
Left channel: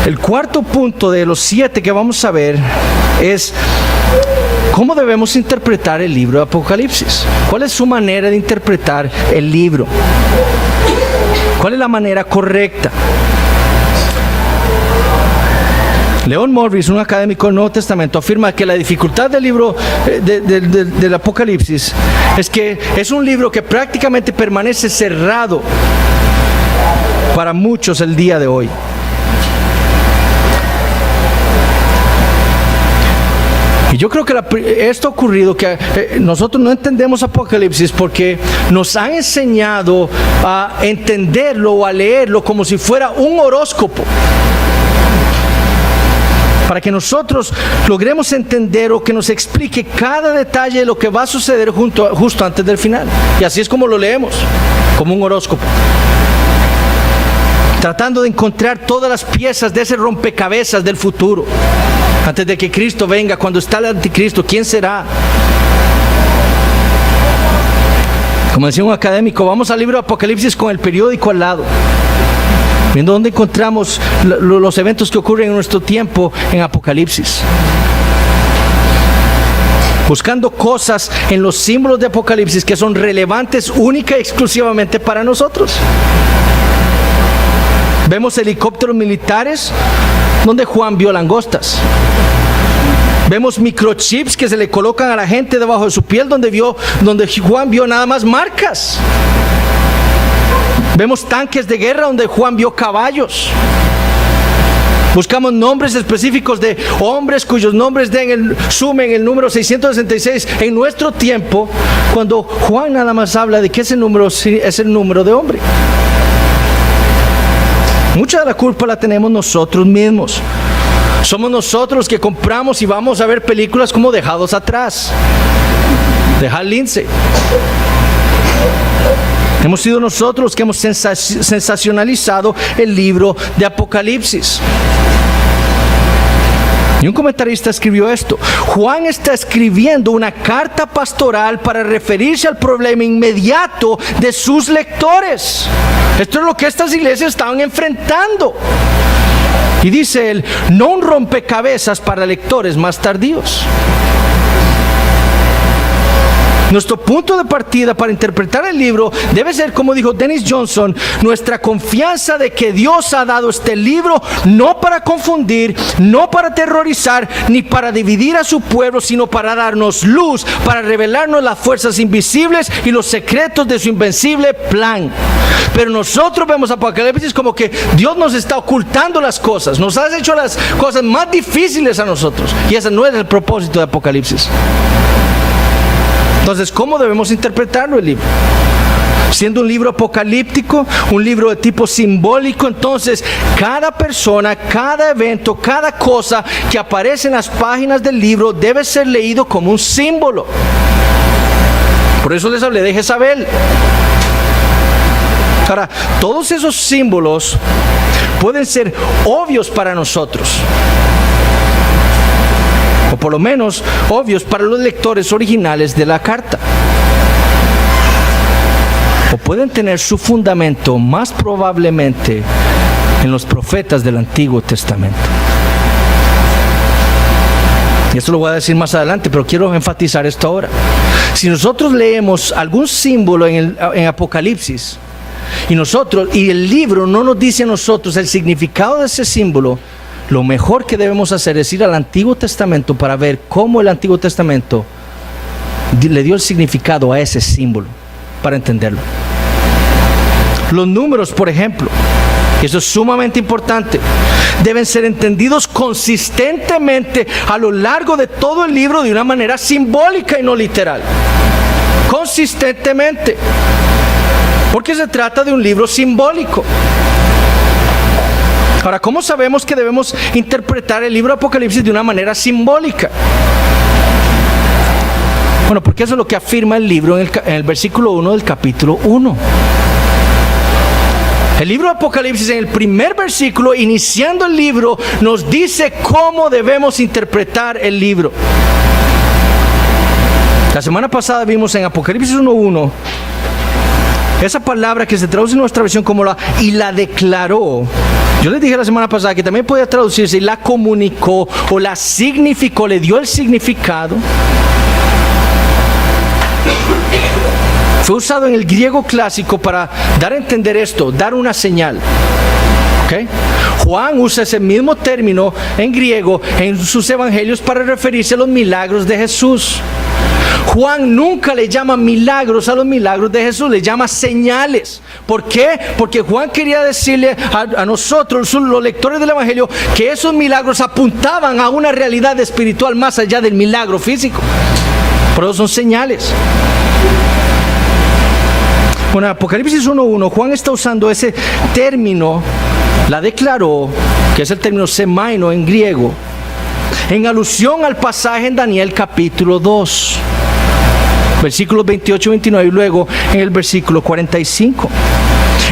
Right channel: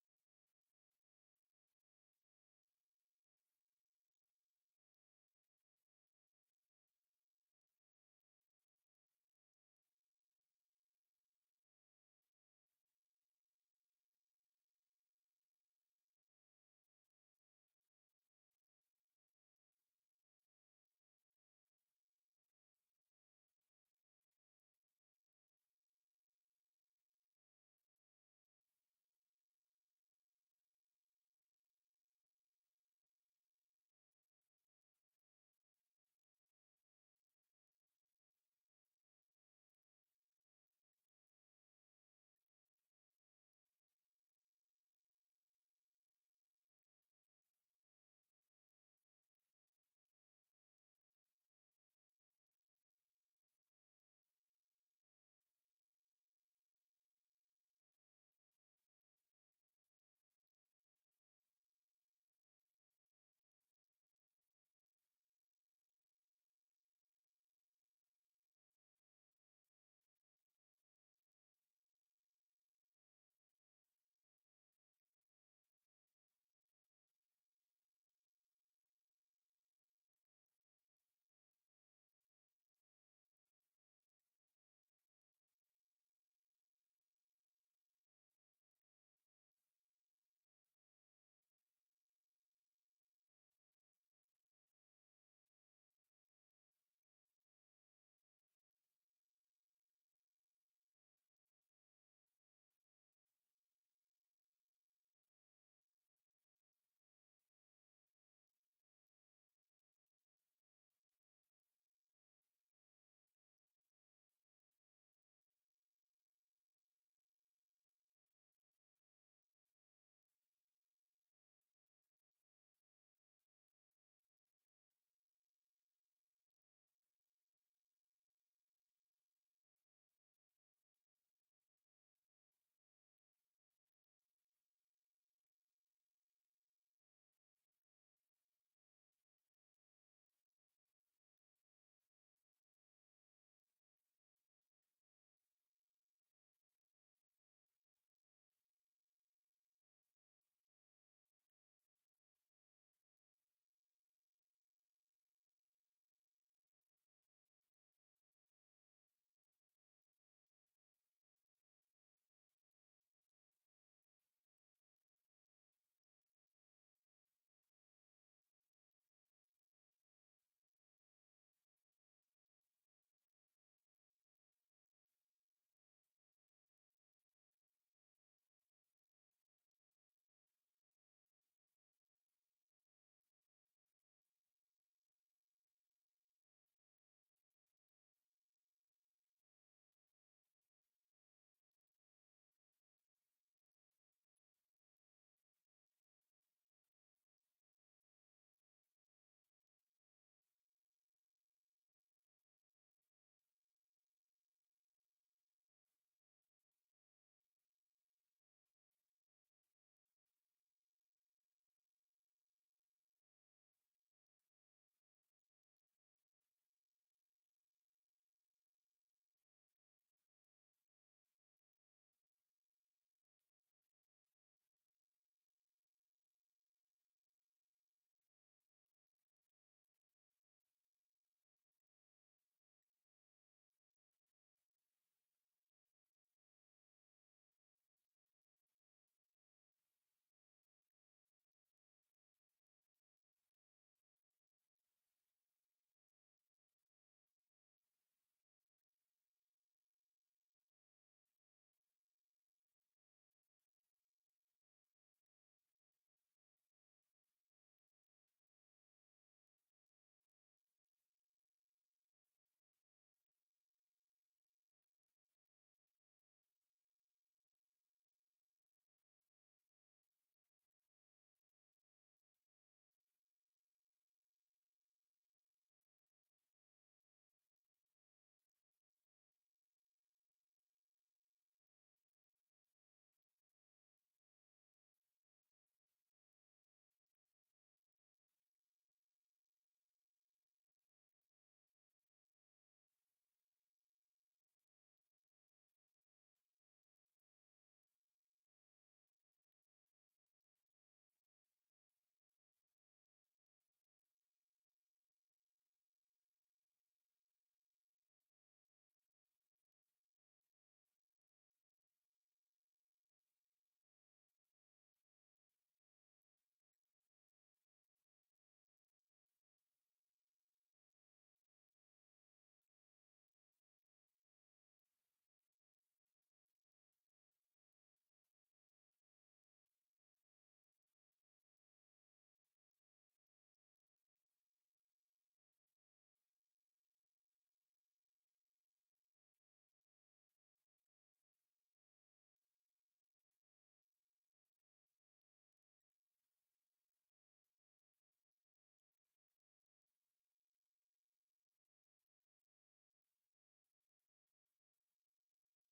El cuarto punto de los 7 que vamos a ver es cómo debemos interpretar el libro de Apocalipsis. ¿Cuál es su manera de interpretar el libro? ¿Cuál es la manera correcta? Leon Morris, un académico del Nuevo Testamento, afirma que la dificultad del libro del Apocalipsis es que es un libro que prácticamente permanece cerrado para muchos el día de hoy. Y yo creo que esto ha ocurrido, que nosotros no entendemos Apocalipsis porque nos han enseñado a entenderlo o a leerlo como si fuera un horóscopo. Para que nosotros logremos entender o que nos explique cada detalle de lo que va a suceder justo antes del final. Y así es como lo leemos, como un horóscopo. Tratando de encontrar todas las piezas de ese rompecabezas del futuro. Antes de que Cristo venga, cuando está el anticristo, ¿quién será? Como decía un académico, vamos al libro de Apocalipsis con el periódico al lado, viendo dónde encontramos los eventos que ocurren en nuestro tiempo en Apocalipsis. Buscando cosas en los símbolos de Apocalipsis que son relevantes única y exclusivamente para nosotros. Vemos helicópteros militares donde Juan vio langostas. Vemos microchips que se le colocan a la gente debajo de su piel donde Juan vio nada más marcas. Vemos tanques de guerra donde Juan vio caballos. Buscamos nombres específicos de hombres cuyos nombres sumen el número 666 en nuestro tiempo, cuando Juan nada más habla de que ese número es el número de hombre. Mucha de la culpa la tenemos nosotros mismos. Somos nosotros los que compramos y vamos a ver películas como Dejados Atrás, de Hal Lindsey. Hemos sido nosotros los que hemos sensacionalizado el libro de Apocalipsis. Y un comentarista escribió esto: Juan está escribiendo una carta pastoral para referirse al problema inmediato de sus lectores. Esto es lo que estas iglesias estaban enfrentando. Y dice él, no un rompecabezas para lectores más tardíos. Nuestro punto de partida para interpretar el libro debe ser, como dijo Dennis Johnson, nuestra confianza de que Dios ha dado este libro no para confundir, no para aterrorizar, ni para dividir a su pueblo, sino para darnos luz, para revelarnos las fuerzas invisibles y los secretos de su invencible plan. Pero nosotros vemos Apocalipsis como que Dios nos está ocultando las cosas, nos ha hecho las cosas más difíciles a nosotros, y ese no es el propósito de Apocalipsis. Entonces, ¿cómo debemos interpretarlo el libro? Siendo un libro apocalíptico, un libro de tipo simbólico, entonces cada persona, cada evento, cada cosa que aparece en las páginas del libro debe ser leído como un símbolo. Por eso les hablé de Jezabel. Ahora, todos esos símbolos pueden ser obvios para nosotros, o por lo menos obvios para los lectores originales de la carta. O pueden tener su fundamento más probablemente en los profetas del Antiguo Testamento. Y esto lo voy a decir más adelante, pero quiero enfatizar esto ahora. Si nosotros leemos algún símbolo en Apocalipsis y el libro no nos dice a nosotros el significado de ese símbolo, lo mejor que debemos hacer es ir al Antiguo Testamento para ver cómo el Antiguo Testamento le dio el significado a ese símbolo, para entenderlo. Los números, por ejemplo, eso es sumamente importante, deben ser entendidos consistentemente a lo largo de todo el libro de una manera simbólica y no literal. Consistentemente, porque se trata de un libro simbólico. Ahora, ¿cómo sabemos que debemos interpretar el libro de Apocalipsis de una manera simbólica? Bueno, porque eso es lo que afirma el libro en el versículo 1 del capítulo 1. El libro de Apocalipsis, en el primer versículo, iniciando el libro, nos dice cómo debemos interpretar el libro. La semana pasada vimos en Apocalipsis 1:1 esa palabra que se traduce en nuestra versión como y la declaró. Yo les dije la semana pasada que también podía traducirse y la comunicó o la significó, le dio el significado. Fue usado en el griego clásico para dar a entender esto, dar una señal. ¿Okay? Juan usa ese mismo término en griego en sus evangelios para referirse a los milagros de Jesús. Juan nunca le llama milagros a los milagros de Jesús, le llama señales. ¿Por qué? Porque Juan quería decirle a nosotros, los lectores del Evangelio, que esos milagros apuntaban a una realidad espiritual más allá del milagro físico. Por eso son señales. Bueno, Apocalipsis 1:1, Juan está usando ese término, la declaró, que es el término semaino en griego, en alusión al pasaje en Daniel capítulo 2. Versículos 28 y 29, y luego en el versículo 45,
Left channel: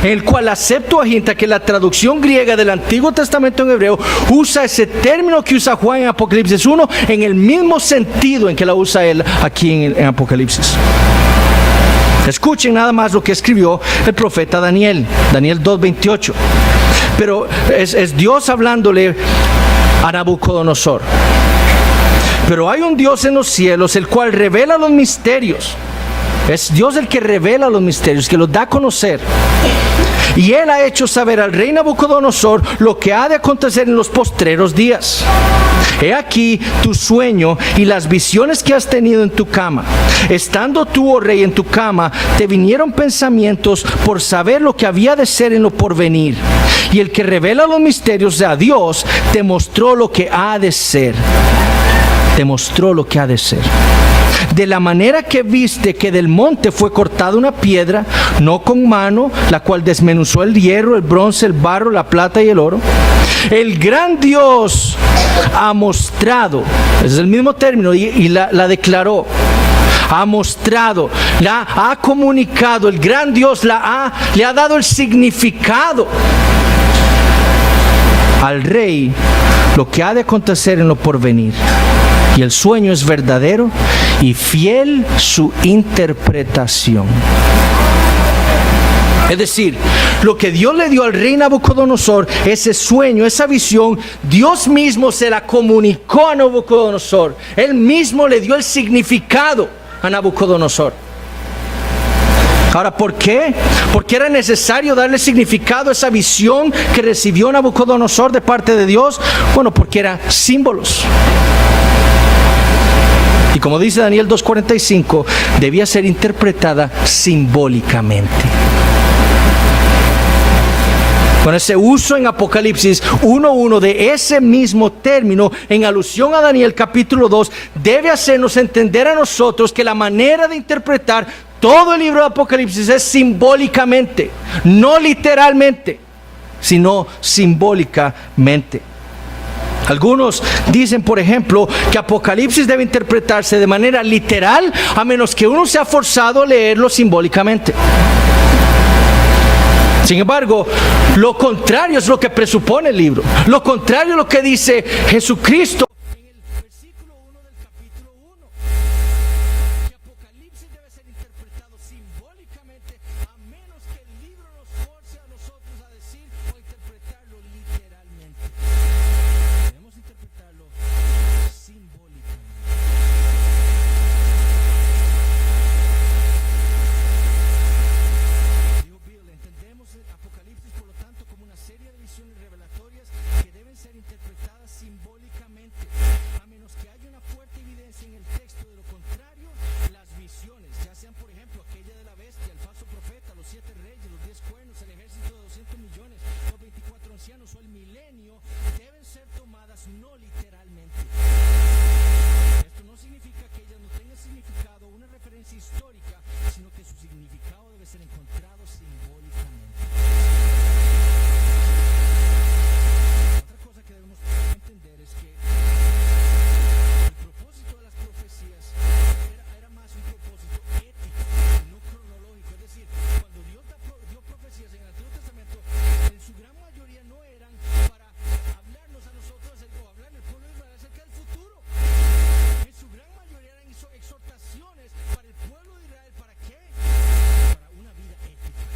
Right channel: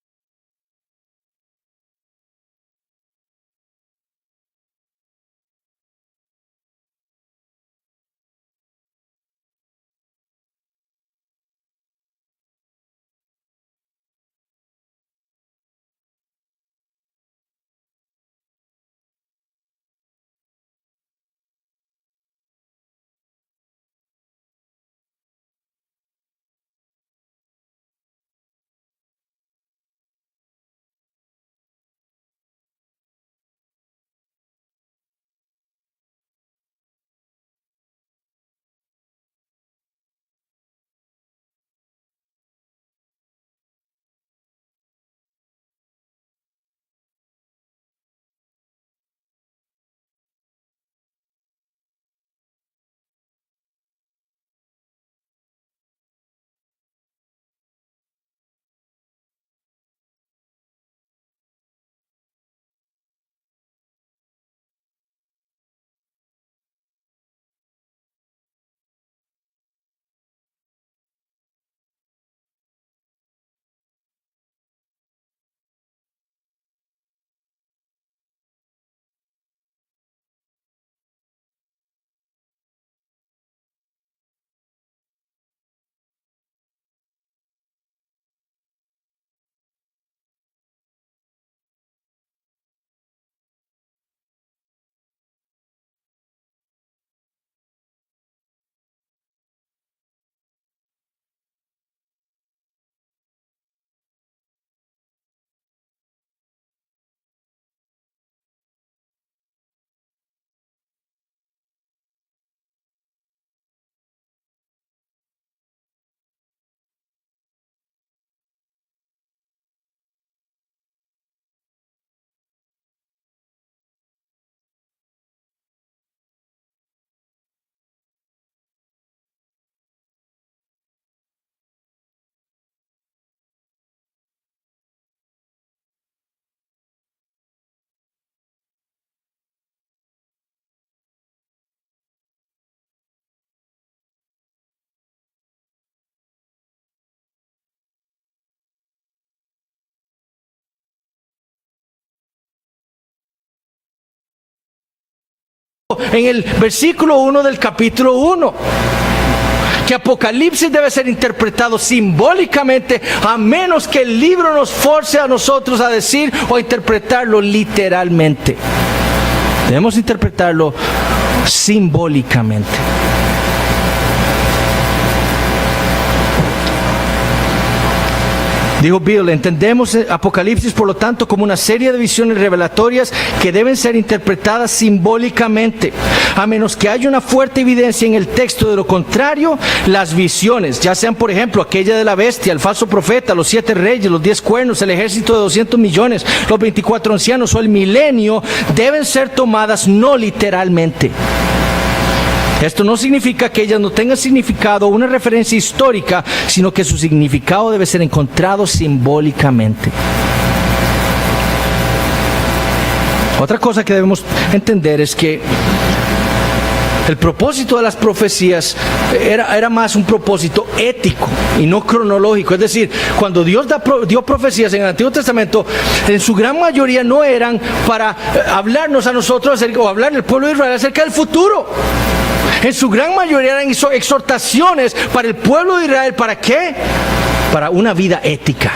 en el cual la Septuaginta, que es la traducción griega del Antiguo Testamento en hebreo, usa ese término que usa Juan en Apocalipsis 1 en el mismo sentido en que la usa él aquí en Apocalipsis. Escuchen nada más lo que escribió el profeta Daniel 2:28. Pero es Dios hablándole a Nabucodonosor. Pero hay un Dios en los cielos, el cual revela los misterios. Es Dios el que revela los misterios, que los da a conocer. y él ha hecho saber al rey Nabucodonosor lo que ha de acontecer en los postreros días. He aquí tu sueño y las visiones que has tenido en tu cama. Estando tú, oh rey, en tu cama, te vinieron pensamientos por saber lo que había de ser en lo porvenir. Y el que revela los misterios de Dios te mostró lo que ha de ser. Te mostró lo que ha de ser. De la manera que viste que del monte fue cortada una piedra, no con mano, la cual desmenuzó el hierro, el bronce, el barro, la plata y el oro. El gran Dios ha mostrado, ese es el mismo término, y la declaró. Ha mostrado, la ha comunicado, el gran Dios le ha dado el significado al rey lo que ha de acontecer en lo porvenir. Y el sueño es verdadero y fiel su interpretación. Es decir, lo que Dios le dio al rey Nabucodonosor, ese sueño, esa visión, Dios mismo se la comunicó a Nabucodonosor. Él mismo le dio el significado a Nabucodonosor. Ahora, ¿por qué? ¿Por qué era necesario darle significado a esa visión que recibió Nabucodonosor de parte de Dios? Bueno, porque eran símbolos. Y como dice Daniel 2:45, debía ser interpretada simbólicamente. Con ese uso en Apocalipsis 1:1 de ese mismo término, en alusión a Daniel capítulo 2, debe hacernos entender a nosotros que la manera de interpretar todo el libro de Apocalipsis es simbólicamente, no literalmente, sino simbólicamente. Algunos dicen, por ejemplo, que Apocalipsis debe interpretarse de manera literal, a menos que uno sea forzado a leerlo simbólicamente. Sin embargo, lo contrario es lo que presupone el libro. Lo contrario es lo que dice Jesucristo en el versículo 1 del capítulo 1. Que Apocalipsis debe ser interpretado simbólicamente, a menos que el libro nos force a nosotros a decir o a interpretarlo literalmente. Debemos interpretarlo simbólicamente. Dijo Bill, entendemos Apocalipsis por lo tanto como una serie de visiones revelatorias que deben ser interpretadas simbólicamente, a menos que haya una fuerte evidencia en el texto. De lo contrario, las visiones, ya sean por ejemplo aquella de la bestia, el falso profeta, los 7 reyes, los 10 cuernos, el ejército de 200 millones, los 24 ancianos o el milenio, deben ser tomadas no literalmente. Esto no significa que ellas no tengan significado o una referencia histórica, sino que su significado debe ser encontrado simbólicamente. Otra cosa que debemos entender es que el propósito de las profecías era más un propósito ético y no cronológico. Es decir, cuando Dios dio profecías en el Antiguo Testamento, en su gran mayoría no eran para hablarnos a nosotros o hablar al pueblo de Israel acerca del futuro. En su gran mayoría eran exhortaciones para el pueblo de Israel. ¿Para qué? Para una vida ética.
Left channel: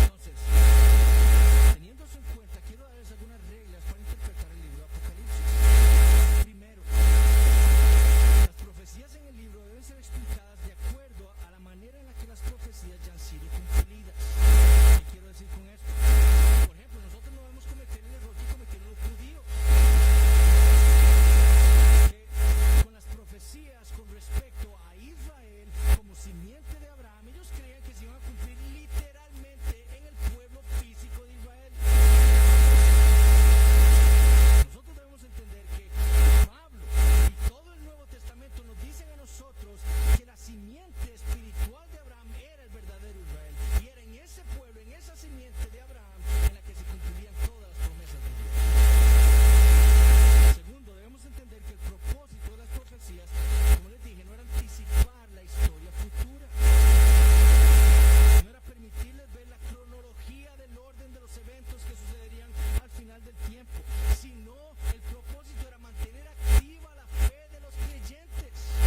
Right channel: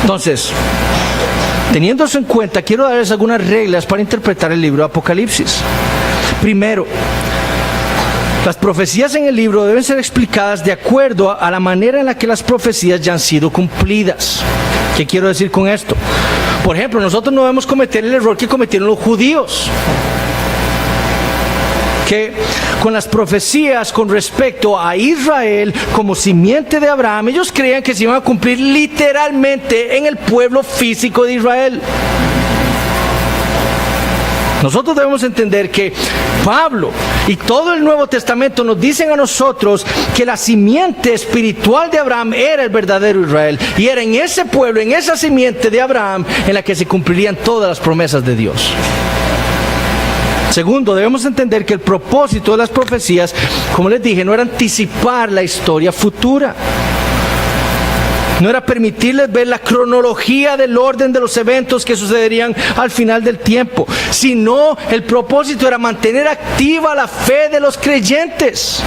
Entonces, teniendo eso en cuenta, quiero darles algunas reglas para interpretar el libro de Apocalipsis. Primero, las profecías en el libro deben ser explicadas de acuerdo a la manera en la que las profecías ya han sido cumplidas. ¿Qué quiero decir con esto? Por ejemplo, nosotros no debemos cometer el error que cometieron los judíos, que con las profecías con respecto a Israel como simiente de Abraham, ellos creían que se iban a cumplir literalmente en el pueblo físico de Israel. Nosotros debemos entender que Pablo y todo el Nuevo Testamento nos dicen a nosotros que la simiente espiritual de Abraham era el verdadero Israel, y era en ese pueblo, en esa simiente de Abraham, en la que se cumplirían todas las promesas de Dios. Segundo, debemos entender que el propósito de las profecías, como les dije, no era anticipar la historia futura. No era permitirles ver la cronología del orden de los eventos que sucederían al final del tiempo, sino el propósito era mantener activa la fe de los creyentes.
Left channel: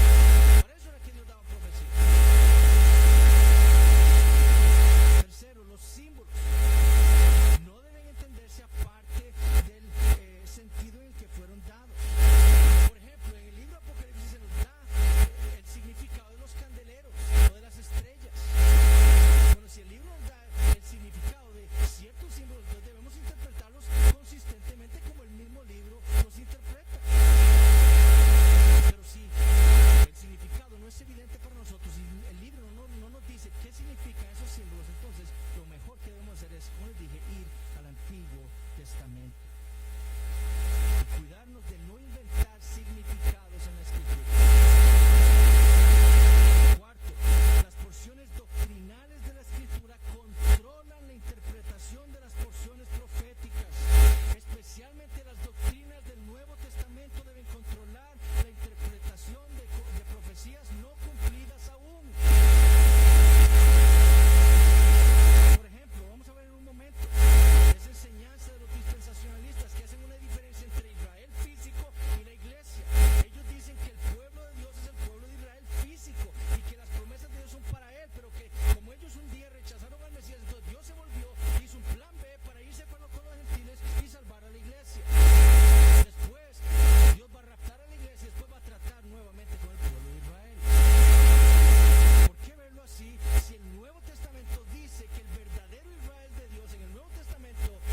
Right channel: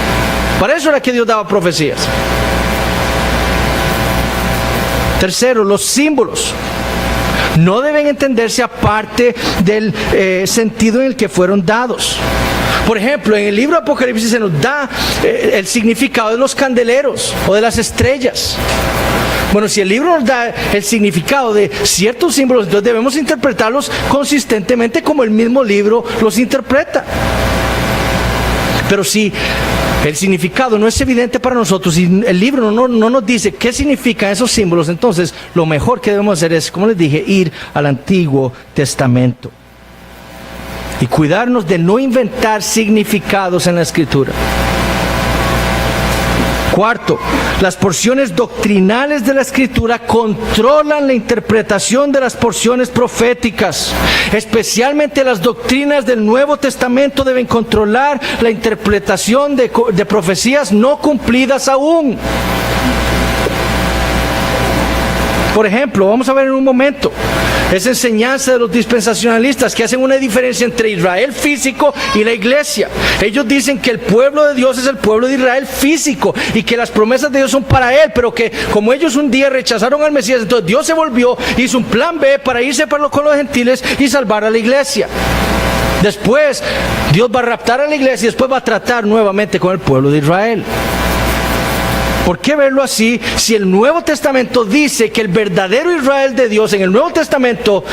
Para eso era que Dios daba profecías. Tercero, los símbolos no deben entenderse aparte del sentido en el que fueron dados. Por ejemplo, en el libro de Apocalipsis se nos da el significado de los candeleros o de las estrellas. Bueno, si el libro nos da el significado de ciertos símbolos, entonces debemos interpretarlos consistentemente como el mismo libro los interpreta. Pero si el significado no es evidente para nosotros y el libro no nos dice qué significan esos símbolos, entonces lo mejor que debemos hacer es, como les dije, ir al Antiguo Testamento y cuidarnos de no inventar significados en la Escritura. Cuarto, las porciones doctrinales de la Escritura controlan la interpretación de las porciones proféticas. Especialmente las doctrinas del Nuevo Testamento deben controlar la interpretación de profecías no cumplidas aún. Por ejemplo, vamos a ver en un momento esa enseñanza de los dispensacionalistas que hacen una diferencia entre Israel físico y la iglesia. Ellos dicen que el pueblo de Dios es el pueblo de Israel físico y que las promesas de Dios son para él, pero que como ellos un día rechazaron al Mesías, entonces Dios se volvió, hizo un plan B para irse con los gentiles y salvar a la iglesia. Después Dios va a raptar a la iglesia y después va a tratar nuevamente con el pueblo de Israel. ¿Por qué verlo así si el Nuevo Testamento dice que el verdadero Israel de Dios, en el Nuevo Testamento,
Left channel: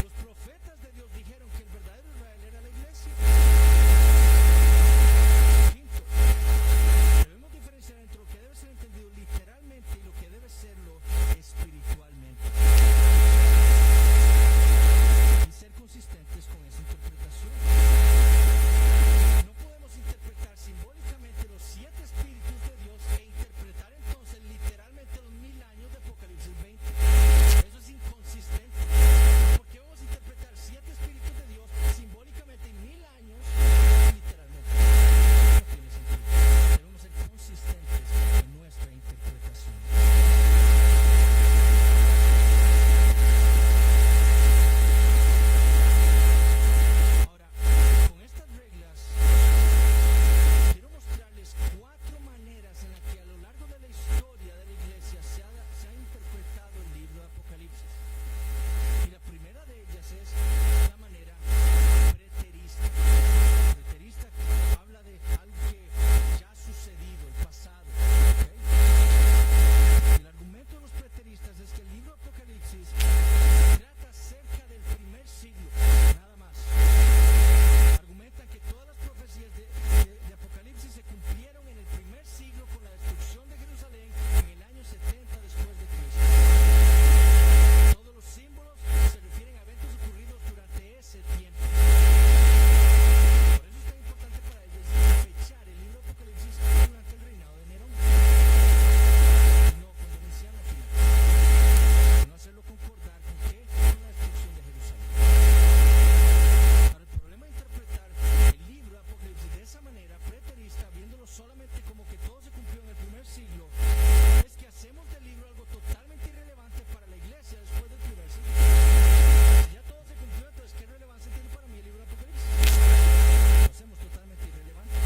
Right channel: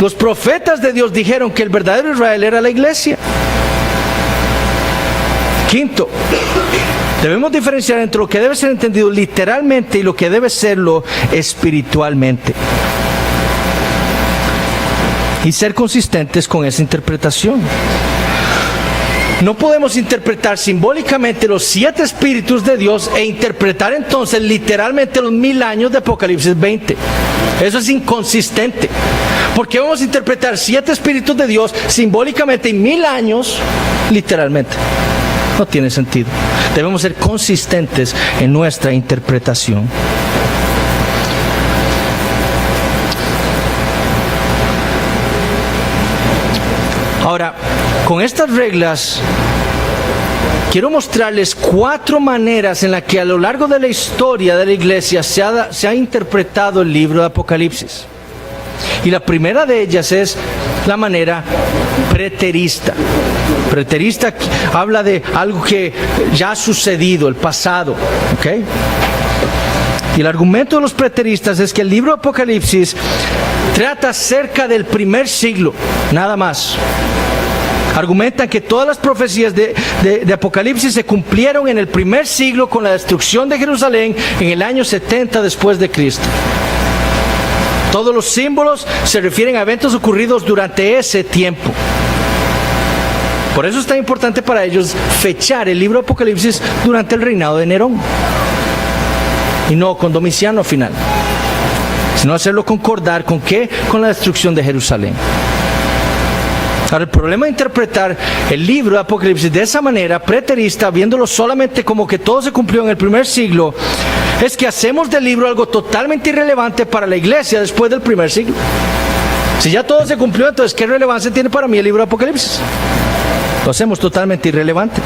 los profetas de Dios dijeron que el verdadero Israel era la iglesia? Quinto, debemos diferenciar entre lo que debe ser entendido literalmente y lo que debe serlo espiritualmente. Y ser consistentes con esa interpretación. No podemos interpretar simbólicamente los 7 espíritus de Dios e interpretar entonces literalmente los 1000 años de Apocalipsis 20. Eso es inconsistente. ¿Por qué vamos a interpretar 7 espíritus de Dios simbólicamente y 1000 años literalmente? No tiene sentido. Debemos ser consistentes en nuestra interpretación. Ahora, con estas reglas, quiero mostrarles 4 maneras en las que a lo largo de la historia de la iglesia se ha interpretado el libro de Apocalipsis. Y la primera de ellas es la manera preterista. Preterista habla de algo que ya ha sucedido, el pasado, ¿ok? Y el argumento de los preteristas es que el libro de Apocalipsis trata acerca del primer siglo, nada más. Argumentan que todas las profecías de Apocalipsis se cumplieron en el primer siglo con la destrucción de Jerusalén en el año 70 después de Cristo. Todos los símbolos se refieren a eventos ocurridos durante ese tiempo. Por eso es tan importante para ellos fechar el libro de Apocalipsis durante el reinado de Nerón y no con Domiciano final, sino hacerlo concordar ¿con qué? Con la destrucción de Jerusalén. Ahora, el problema de interpretar el libro de Apocalipsis de esa manera preterista, viéndolo solamente como que todo se cumplió en el primer siglo, es que hacemos del libro algo totalmente irrelevante para la iglesia después del primer siglo. Si ya todo se cumplió, entonces ¿qué relevancia tiene para mí el libro de Apocalipsis? Lo hacemos totalmente irrelevante.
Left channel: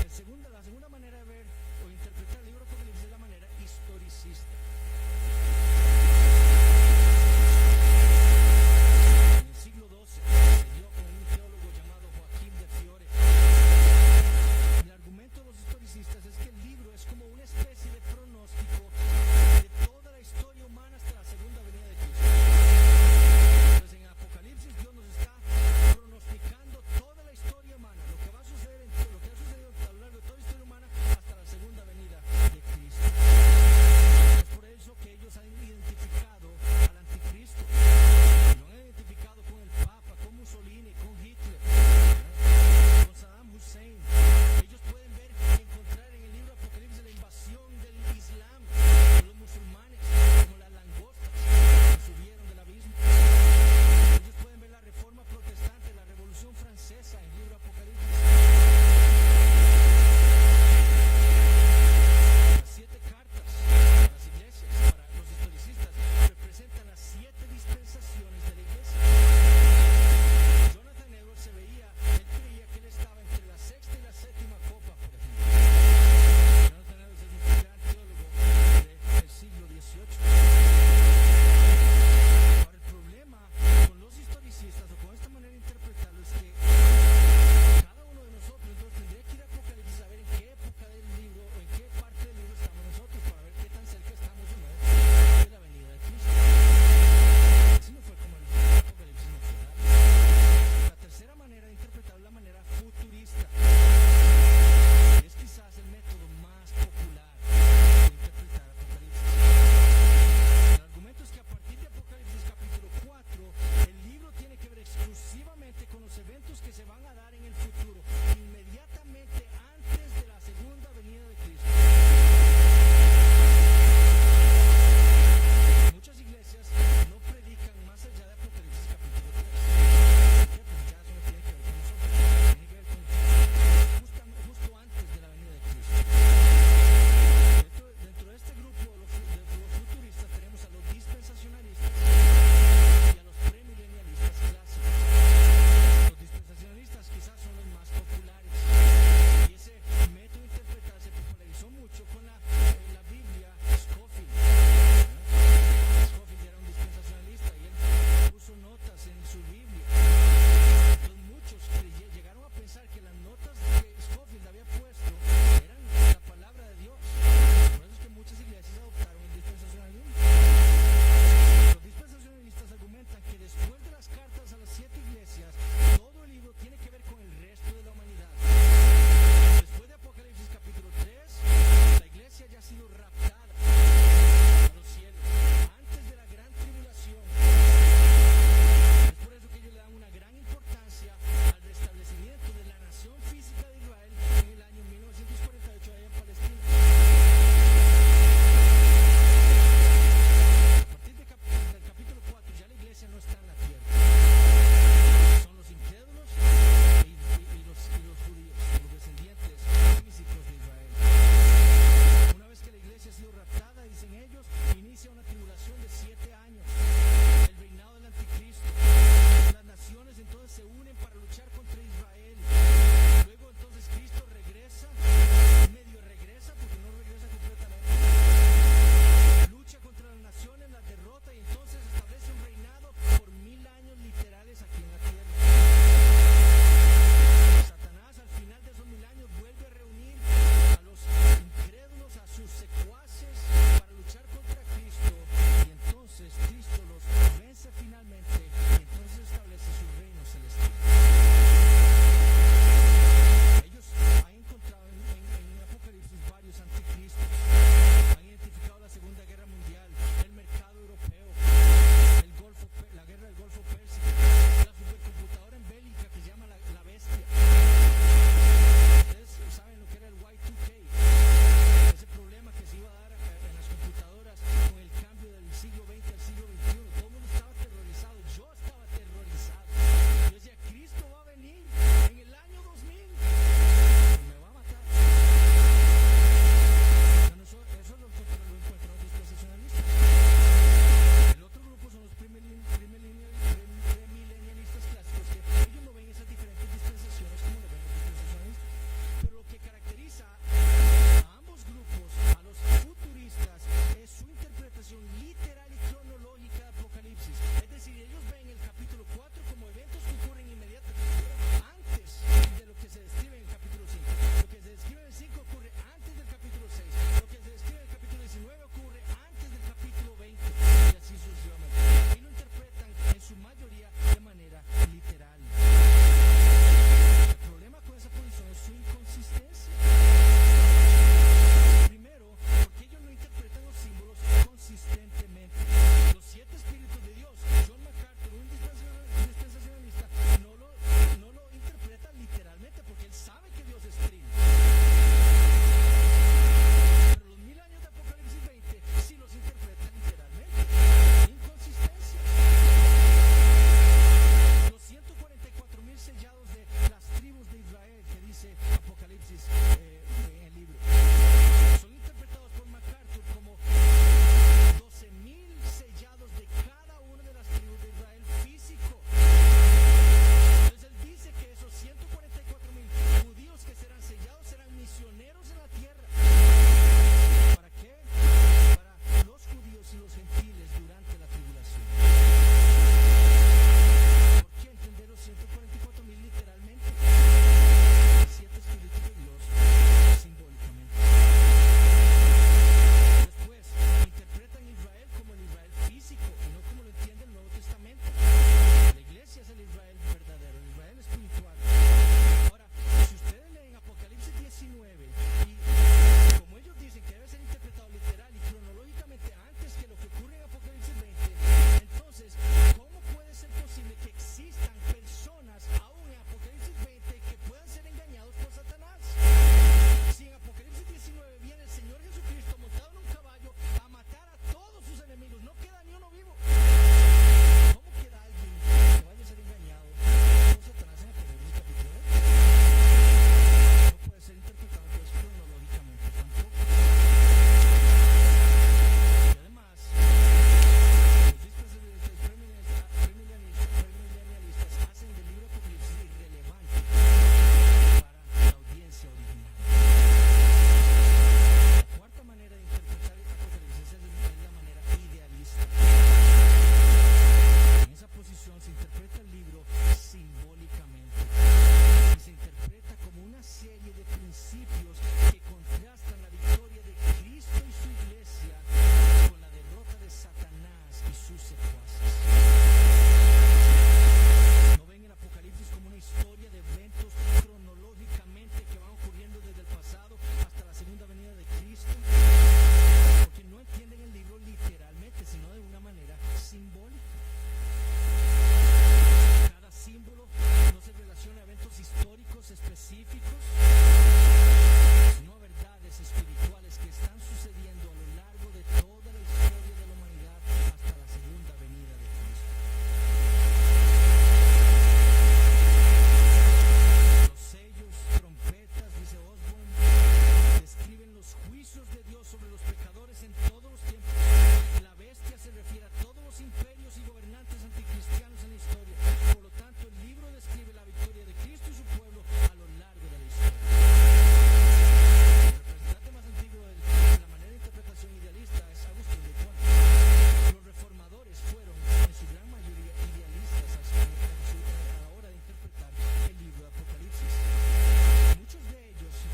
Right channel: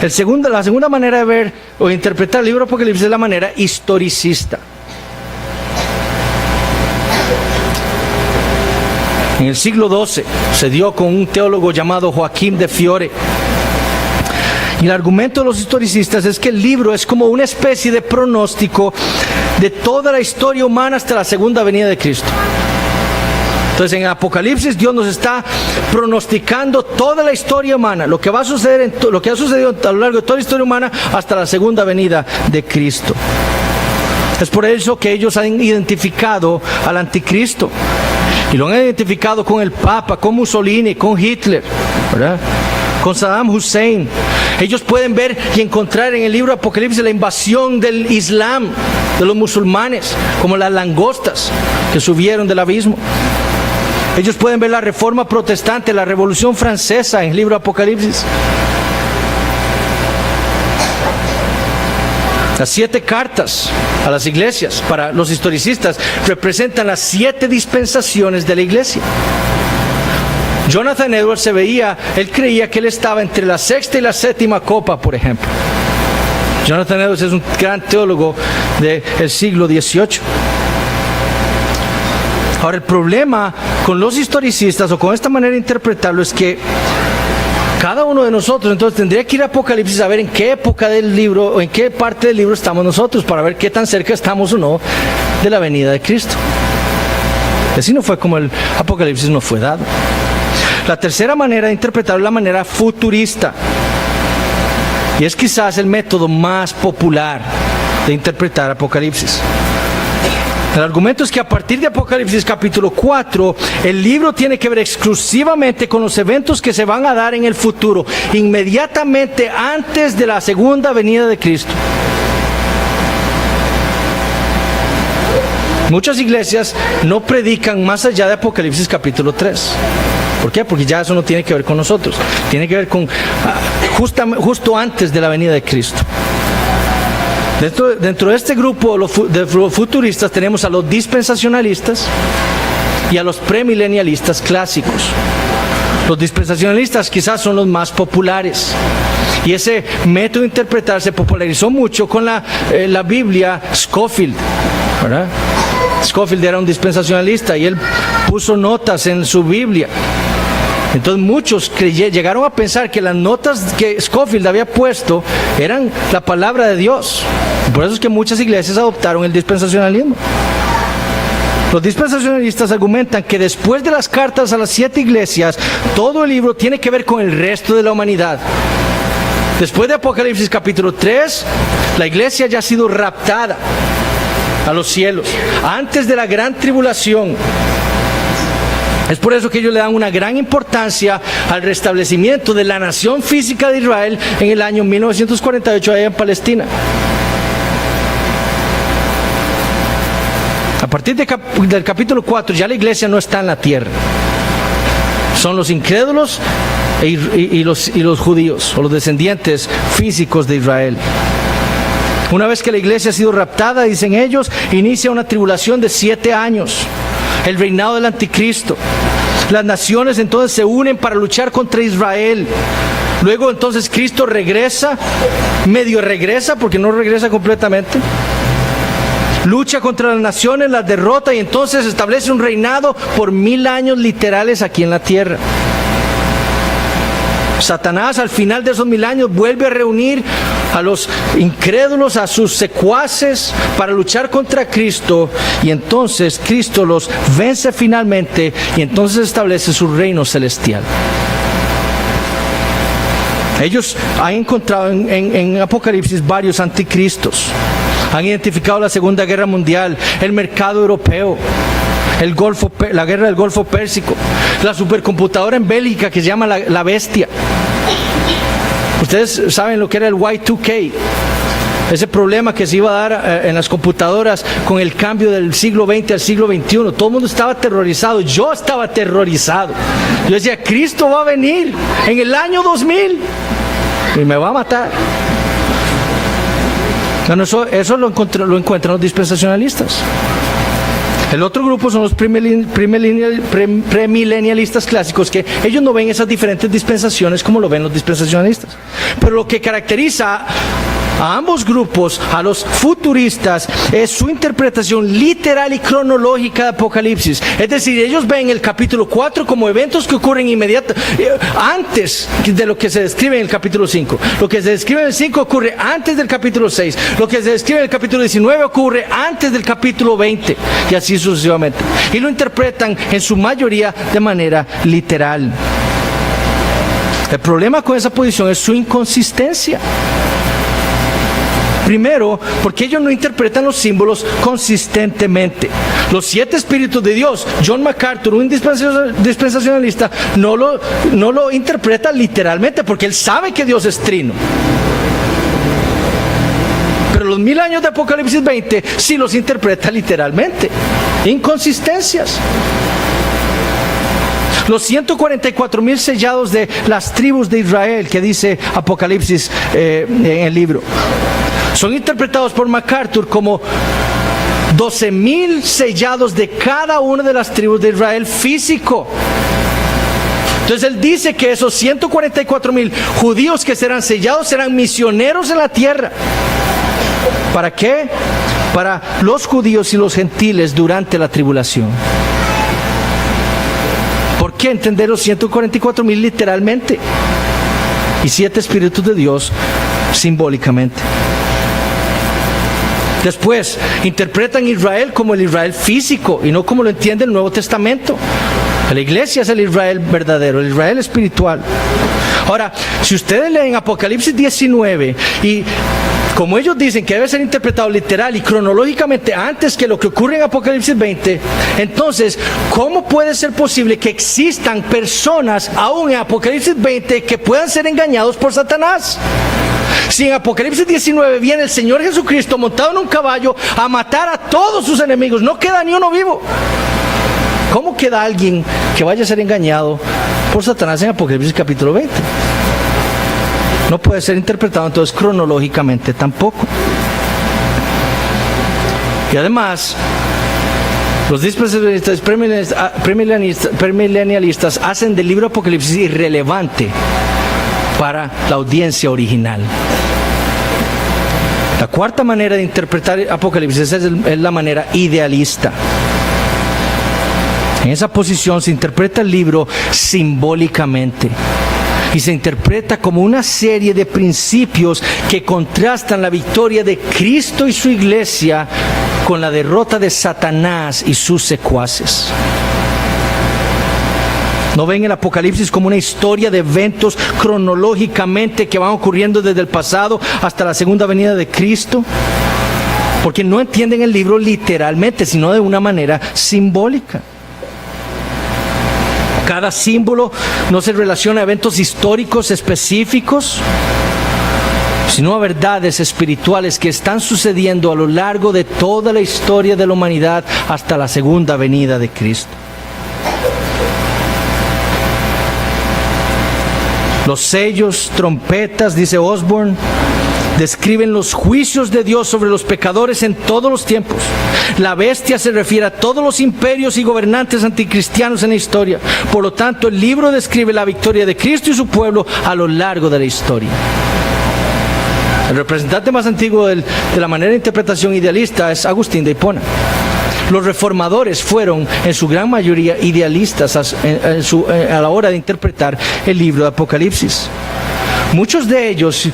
La segunda manera de ver o interpretar el libro de Apocalipsis es la manera historicista. En el siglo XII se dio con un teólogo llamado Joaquín de Fiore. Y el argumento de los historicistas es que el libro es como una especie de pronóstico de toda la historia humana hasta la segunda venida de Cristo. Entonces en Apocalipsis Dios nos está pronosticando toda la historia humana, lo que va a suceder, lo que ha sucedido a lo largo de toda la historia humana hasta la segunda venida de Cristo. Es por eso que ellos han identificado al anticristo. Y lo han identificado con el Papa, con Mussolini, con Hitler, ¿verdad? Con Saddam Hussein. Ellos pueden ver y encontrar en el libro de Apocalipsis la invasión del Islam, de los musulmanes, como las langostas que subieron del abismo. Ellos pueden ver la reforma protestante, la revolución francesa en el libro de Apocalipsis. Las 7 cartas a las iglesias, para los historicistas, representan las 7 dispensaciones de la iglesia. Jonathan Edwards él creía que él estaba entre la 6ª y la 7ª copa, por ejemplo. Jonathan Edwards es un gran teólogo del siglo XVIII. Ahora, el problema con los historicistas o con esta manera de interpretarlo es que Cada uno de nosotros entonces tendría que ir a Apocalipsis a ver en qué época del libro o en qué parte del libro estamos nosotros para ver qué tan cerca estamos o no de la venida de Cristo. Así no fue como el Apocalipsis nos fue dado. La tercera manera de interpretarlo es la manera futurista. Y es quizás el método más popular de interpretar Apocalipsis. El argumento es que a partir de Apocalipsis capítulo 4, el libro tiene que ver exclusivamente con los eventos que se van a dar en el futuro, inmediatamente antes de la segunda venida de Cristo. Muchas iglesias no predican más allá de Apocalipsis capítulo 3. ¿Por qué? Porque ya eso no tiene que ver con nosotros. Tiene que ver con justo antes de la venida de Cristo. Dentro de este grupo de los futuristas tenemos a los dispensacionalistas y a los premilenialistas clásicos. Los dispensacionalistas quizás son los más populares. Y ese método de interpretar se popularizó mucho con la Biblia Scofield, ¿verdad? Scofield era un dispensacionalista y él puso notas en su Biblia. Entonces muchos llegaron a pensar que las notas que Scofield había puesto eran la palabra de Dios. Por eso es que muchas iglesias adoptaron el dispensacionalismo. Los dispensacionalistas argumentan que después de las cartas a las 7 iglesias, todo el libro tiene que ver con el resto de la humanidad. Después de Apocalipsis capítulo 3, la iglesia ya ha sido raptada a los cielos, antes de la gran tribulación. Es por eso que ellos le dan una gran importancia al restablecimiento de la nación física de Israel en el año 1948 allá en Palestina. A partir del capítulo 4 ya la iglesia no está en la tierra. Son los incrédulos y los judíos, o los descendientes físicos de Israel. Una vez que la iglesia ha sido raptada, dicen ellos, inicia una tribulación de 7 años. El reinado del anticristo. Las naciones entonces se unen para luchar contra Israel. Luego entonces Cristo regresa, medio regresa porque no regresa completamente. Lucha contra las naciones, las derrota y entonces establece un reinado por 1000 años literales aquí en la tierra. Satanás al final de esos 1000 años vuelve a reunir a los incrédulos, a sus secuaces para luchar contra Cristo y entonces Cristo los vence finalmente y entonces establece su reino celestial. Ellos han encontrado en Apocalipsis varios anticristos. Han identificado la Segunda Guerra Mundial, el mercado europeo, la guerra del Golfo Pérsico, la supercomputadora en Bélgica que se llama la bestia. Ustedes saben lo que era el Y2K, ese problema que se iba a dar en las computadoras con el cambio del siglo XX al siglo XXI. Todo el mundo estaba aterrorizado, yo estaba aterrorizado. Yo decía, Cristo va a venir en el año 2000 y me va a matar. Bueno, eso lo encuentran los dispensacionalistas. El otro grupo son los premilenialistas clásicos, que ellos no ven esas diferentes dispensaciones como lo ven los dispensacionalistas. Pero lo que caracteriza a ambos grupos, a los futuristas, es su interpretación literal y cronológica de Apocalipsis. Es decir, ellos ven el capítulo 4 como eventos que ocurren antes de lo que se describe en el capítulo 5. Lo que se describe en el 5 ocurre antes del capítulo 6. Lo que se describe en el capítulo 19 ocurre antes del capítulo 20. Y así sucesivamente. Y lo interpretan en su mayoría de manera literal. El problema con esa posición es su inconsistencia. Primero, porque ellos no interpretan los símbolos consistentemente. Los 7 espíritus de Dios, John MacArthur, un dispensacionalista, no lo interpreta literalmente porque él sabe que Dios es trino. Pero los 1000 años de Apocalipsis 20 sí los interpreta literalmente. Inconsistencias. Los 144,000 sellados de las tribus de Israel que dice Apocalipsis en el libro son interpretados por MacArthur como 12,000 sellados de cada una de las tribus de Israel físico. Entonces él dice que esos 144,000 judíos que serán sellados serán misioneros en la tierra. ¿Para qué? Para los judíos y los gentiles durante la tribulación. ¿Por qué entender los 144,000 literalmente? y 7 espíritus de Dios simbólicamente. Después, interpretan Israel como el Israel físico y no como lo entiende el Nuevo Testamento. La iglesia es el Israel verdadero, el Israel espiritual. Ahora, si ustedes leen Apocalipsis 19 y como ellos dicen que debe ser interpretado literal y cronológicamente antes que lo que ocurre en Apocalipsis 20, entonces, ¿cómo puede ser posible que existan personas aún en Apocalipsis 20 que puedan ser engañados por Satanás? Si en Apocalipsis 19 viene el Señor Jesucristo montado en un caballo a matar a todos sus enemigos, no queda ni uno vivo. ¿Cómo queda alguien que vaya a ser engañado por Satanás en Apocalipsis capítulo 20? No puede ser interpretado entonces cronológicamente tampoco. Y además, los dispensacionalistas premilenialistas hacen del libro de Apocalipsis irrelevante para la audiencia original. La cuarta manera de interpretar Apocalipsis es la manera idealista. En esa posición se interpreta el libro simbólicamente y se interpreta como una serie de principios que contrastan la victoria de Cristo y su iglesia con la derrota de Satanás y sus secuaces. No ven el Apocalipsis como una historia de eventos cronológicamente que van ocurriendo desde el pasado hasta la segunda venida de Cristo, porque no entienden el libro literalmente, sino de una manera simbólica. Cada símbolo no se relaciona a eventos históricos específicos, sino a verdades espirituales que están sucediendo a lo largo de toda la historia de la humanidad hasta la segunda venida de Cristo. Los sellos, trompetas, dice Osborne, describen los juicios de Dios sobre los pecadores en todos los tiempos. La bestia se refiere a todos los imperios y gobernantes anticristianos en la historia. Por lo tanto, el libro describe la victoria de Cristo y su pueblo a lo largo de la historia. El representante más antiguo de la manera de interpretación idealista es Agustín de Hipona. Los reformadores fueron en su gran mayoría idealistas a la hora de interpretar el libro de Apocalipsis. Muchos de ellos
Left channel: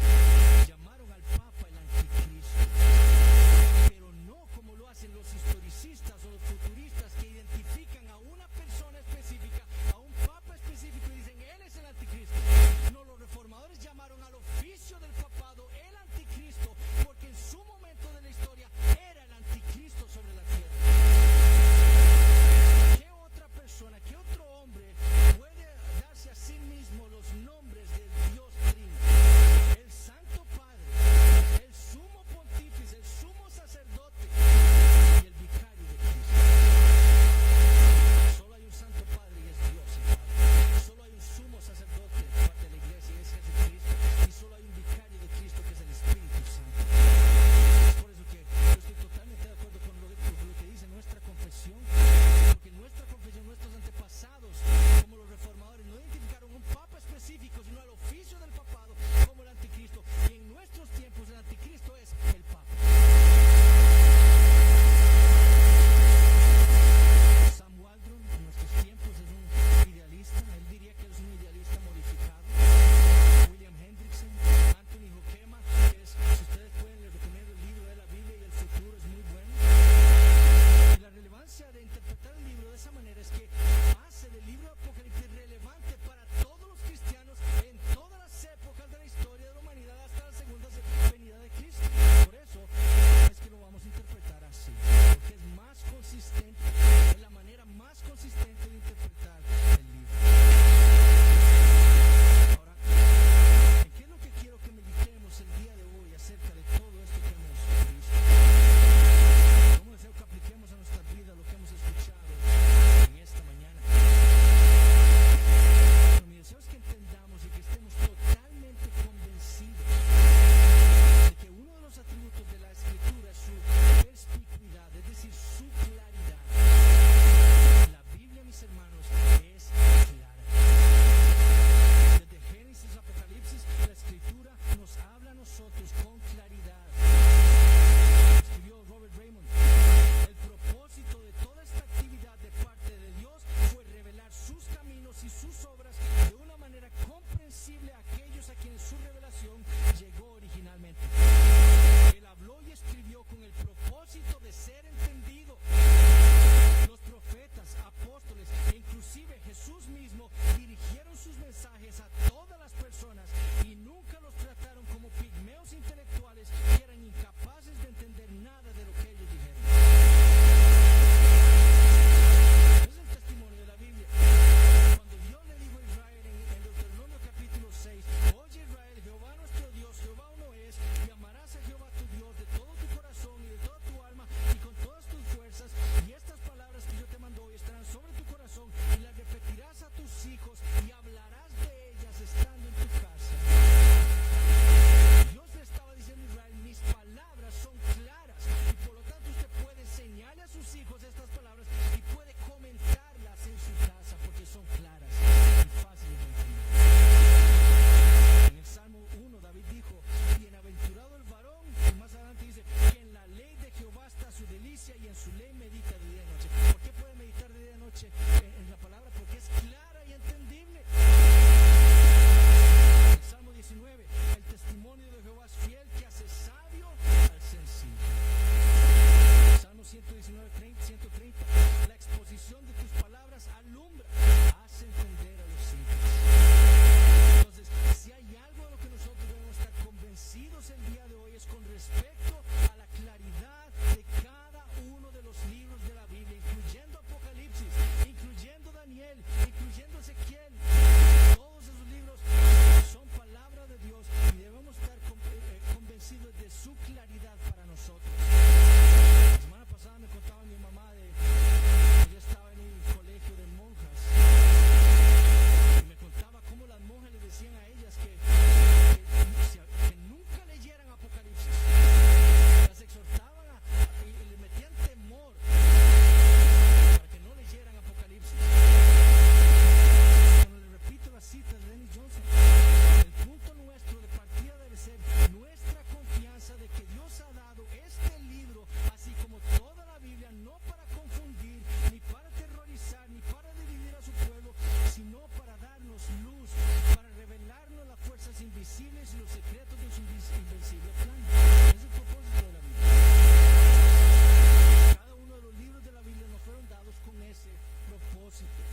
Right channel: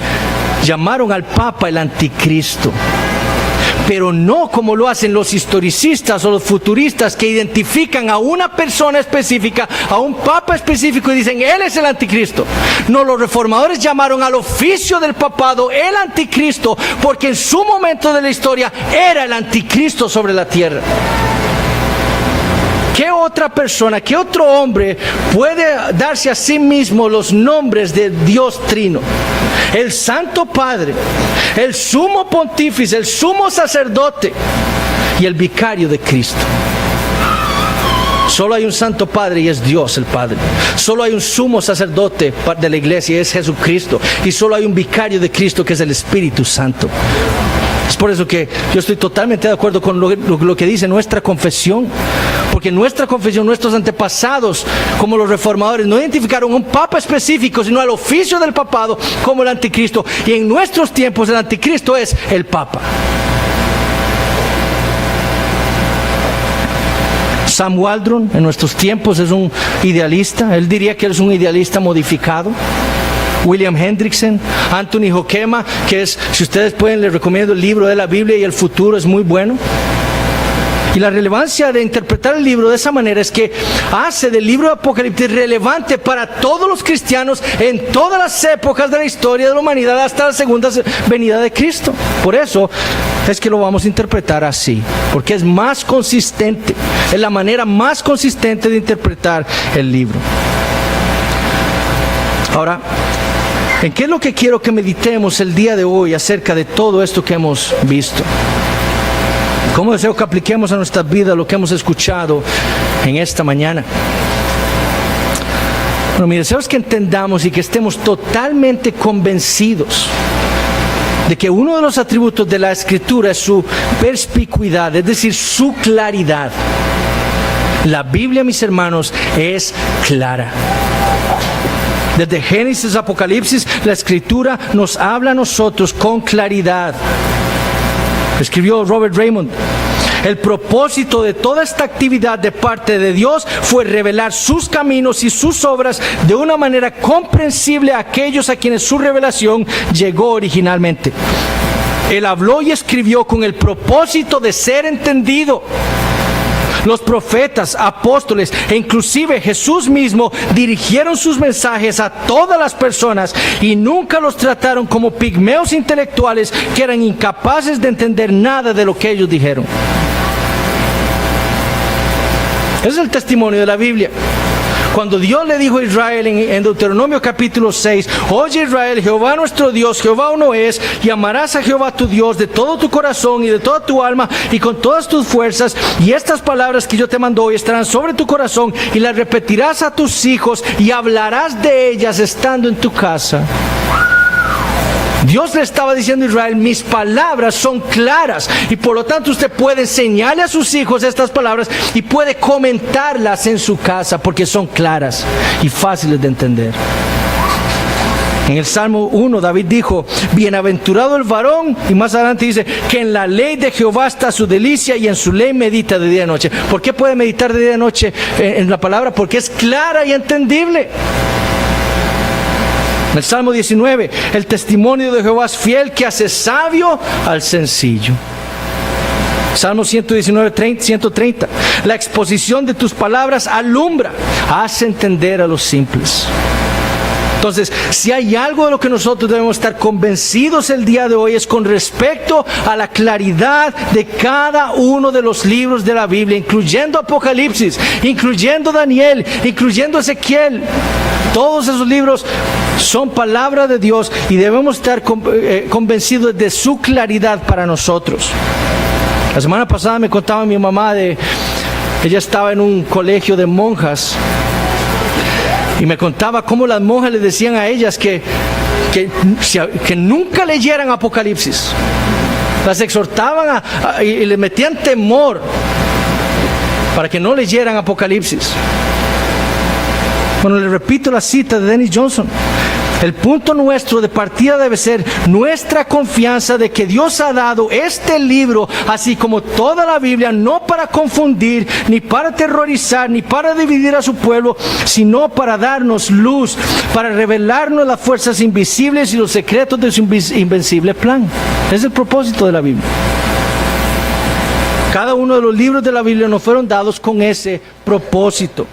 llamaron al Papa el anticristo, pero no como lo hacen los historicistas o los futuristas que identifican a una persona específica, a un papa específico y dicen, él es el anticristo. No, los reformadores llamaron al oficio del papado el anticristo, porque en su momento de la historia era el anticristo sobre la tierra. ¿Qué otra persona, qué otro hombre puede darse a sí mismo los nombres de Dios Trino? El Santo Padre, el Sumo Pontífice, el Sumo Sacerdote y el Vicario de Cristo. Solo hay un Santo Padre y es Dios el Padre. Solo hay un Sumo Sacerdote de la Iglesia y es Jesucristo. Y solo hay un Vicario de Cristo que es el Espíritu Santo. Es por eso que yo estoy totalmente de acuerdo con lo que dice nuestra confesión. Porque nuestra confesión, nuestros antepasados, como los reformadores, no identificaron un papa específico, sino al oficio del papado como el anticristo. Y en nuestros tiempos el anticristo es el papa. Sam Waldron en nuestros tiempos es un idealista. Él diría que él es un idealista modificado. William Hendrickson, Anthony Hoekema, que es, si ustedes pueden, les recomiendo el libro de la Biblia y el futuro, es muy bueno. Y la relevancia de interpretar el libro de esa manera es que hace del libro de Apocalipsis relevante para todos los cristianos en todas las épocas de la historia de la humanidad hasta la segunda venida de Cristo. Por eso es que lo vamos a interpretar así, porque es más consistente, es la manera más consistente de interpretar el libro. Ahora, ¿en qué es lo que quiero que meditemos el día de hoy acerca de todo esto que hemos visto? ¿Cómo deseo que apliquemos a nuestra vida lo que hemos escuchado en esta mañana? Bueno, mi deseo es que entendamos y que estemos totalmente convencidos de que uno de los atributos de la Escritura es su perspicuidad, es decir, su claridad. La Biblia, mis hermanos, es clara. Desde Génesis a Apocalipsis, la Escritura nos habla a nosotros con claridad. Escribió Robert Raymond: El propósito de toda esta actividad de parte de Dios fue revelar sus caminos y sus obras de una manera comprensible a aquellos a quienes su revelación llegó originalmente. Él habló y escribió con el propósito de ser entendido. Los profetas, apóstoles e inclusive Jesús mismo dirigieron sus mensajes a todas las personas y nunca los trataron como pigmeos intelectuales que eran incapaces de entender nada de lo que ellos dijeron. Ese es el testimonio de la Biblia. Cuando Dios le dijo a Israel en Deuteronomio capítulo 6, oye Israel, Jehová nuestro Dios, Jehová uno es, y amarás a Jehová tu Dios de todo tu corazón y de toda tu alma y con todas tus fuerzas, y estas palabras que yo te mando hoy estarán sobre tu corazón y las repetirás a tus hijos y hablarás de ellas estando en tu casa. Dios le estaba diciendo a Israel, mis palabras son claras y por lo tanto usted puede enseñarle a sus hijos estas palabras y puede comentarlas en su casa porque son claras y fáciles de entender. En el Salmo 1 David dijo, bienaventurado el varón, y más adelante dice que en la ley de Jehová está su delicia y en su ley medita de día y noche. ¿Por qué puede meditar de día y noche en la palabra? Porque es clara y entendible. En el Salmo 19, el testimonio de Jehová es fiel que hace sabio al sencillo. Salmo 119, 130, la exposición de tus palabras alumbra, hace entender a los simples. Entonces, si hay algo de lo que nosotros debemos estar convencidos el día de hoy es con respecto a la claridad de cada uno de los libros de la Biblia, incluyendo Apocalipsis, incluyendo Daniel, incluyendo Ezequiel. Todos esos libros son palabra de Dios y debemos estar convencidos de su claridad para nosotros. La semana pasada me contaba mi mamá ella estaba en un colegio de monjas y me contaba cómo las monjas le decían a ellas que nunca leyeran Apocalipsis. Las exhortaban y les metían temor para que no leyeran Apocalipsis. Bueno, le repito la cita de Dennis Johnson. El punto nuestro de partida debe ser nuestra confianza de que Dios ha dado este libro, así como toda la Biblia, no para confundir, ni para aterrorizar, ni para dividir a su pueblo, sino para darnos luz, para revelarnos las fuerzas invisibles y los secretos de su invencible plan. Ese es el propósito de la Biblia. Cada uno de los libros de la Biblia nos fueron dados con ese propósito.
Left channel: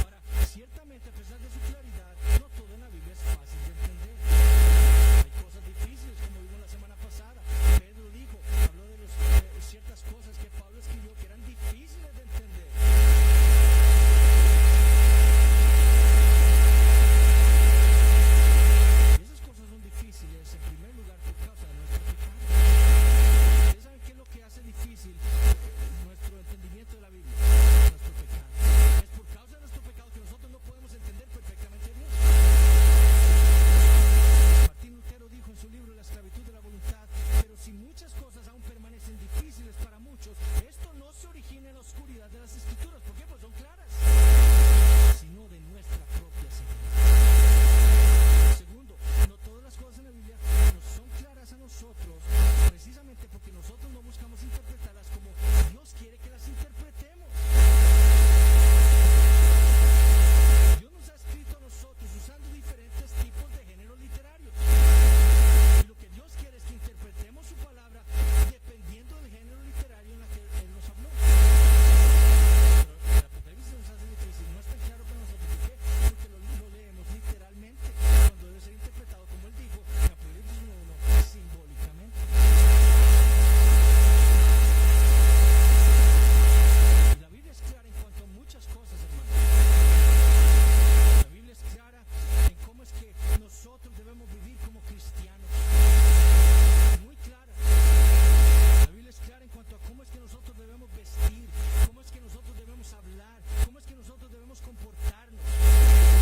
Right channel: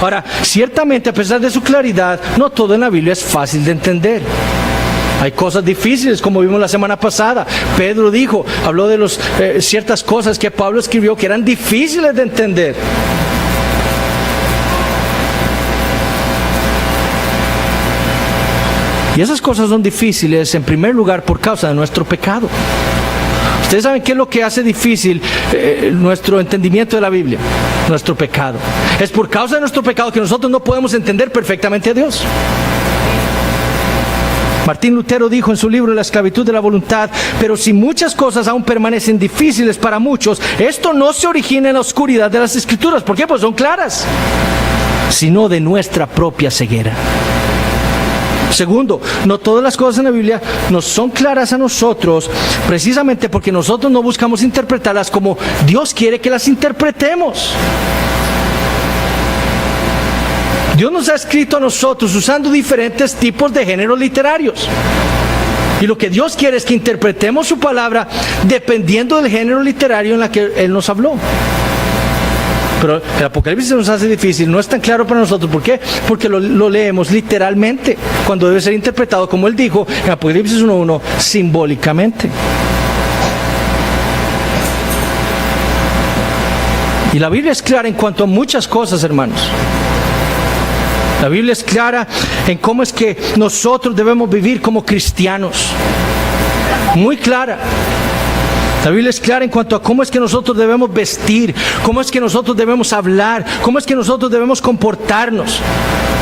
Ahora, ciertamente a pesar de su claridad, no todo en la Biblia es fácil de entender. Hay cosas difíciles, como vimos la semana pasada. Pedro habló de ciertas cosas que Pablo escribió que eran difíciles de entender. Y esas cosas son difíciles en primer lugar por causa de nuestro pecado. Ustedes saben qué es lo que hace difícil nuestro entendimiento de la Biblia, nuestro pecado. Es por causa de nuestro pecado que nosotros no podemos entender perfectamente a Dios. Martín Lutero dijo en su libro La esclavitud de la voluntad, pero si muchas cosas aún permanecen difíciles para muchos, esto no se origina en la oscuridad de las Escrituras. ¿Por qué? Pues son claras, sino de nuestra propia ceguera. Segundo, no todas las cosas en la Biblia nos son claras a nosotros, precisamente porque nosotros no buscamos interpretarlas como Dios quiere que las interpretemos. Dios nos ha escrito a nosotros usando diferentes tipos de géneros literarios. Y lo que Dios quiere es que interpretemos su palabra dependiendo del género literario en el que Él nos habló. Pero el Apocalipsis se nos hace difícil, no es tan claro para nosotros. ¿Por qué? Porque lo leemos literalmente, cuando debe ser interpretado, como Él dijo en Apocalipsis 1:1, simbólicamente. Y la Biblia es clara en cuanto a muchas cosas, hermanos. La Biblia es clara en cómo es que nosotros debemos vivir como cristianos. Muy clara. La Biblia es clara en cuanto a cómo es que nosotros debemos vestir, cómo es que nosotros debemos hablar, cómo es que nosotros debemos comportarnos.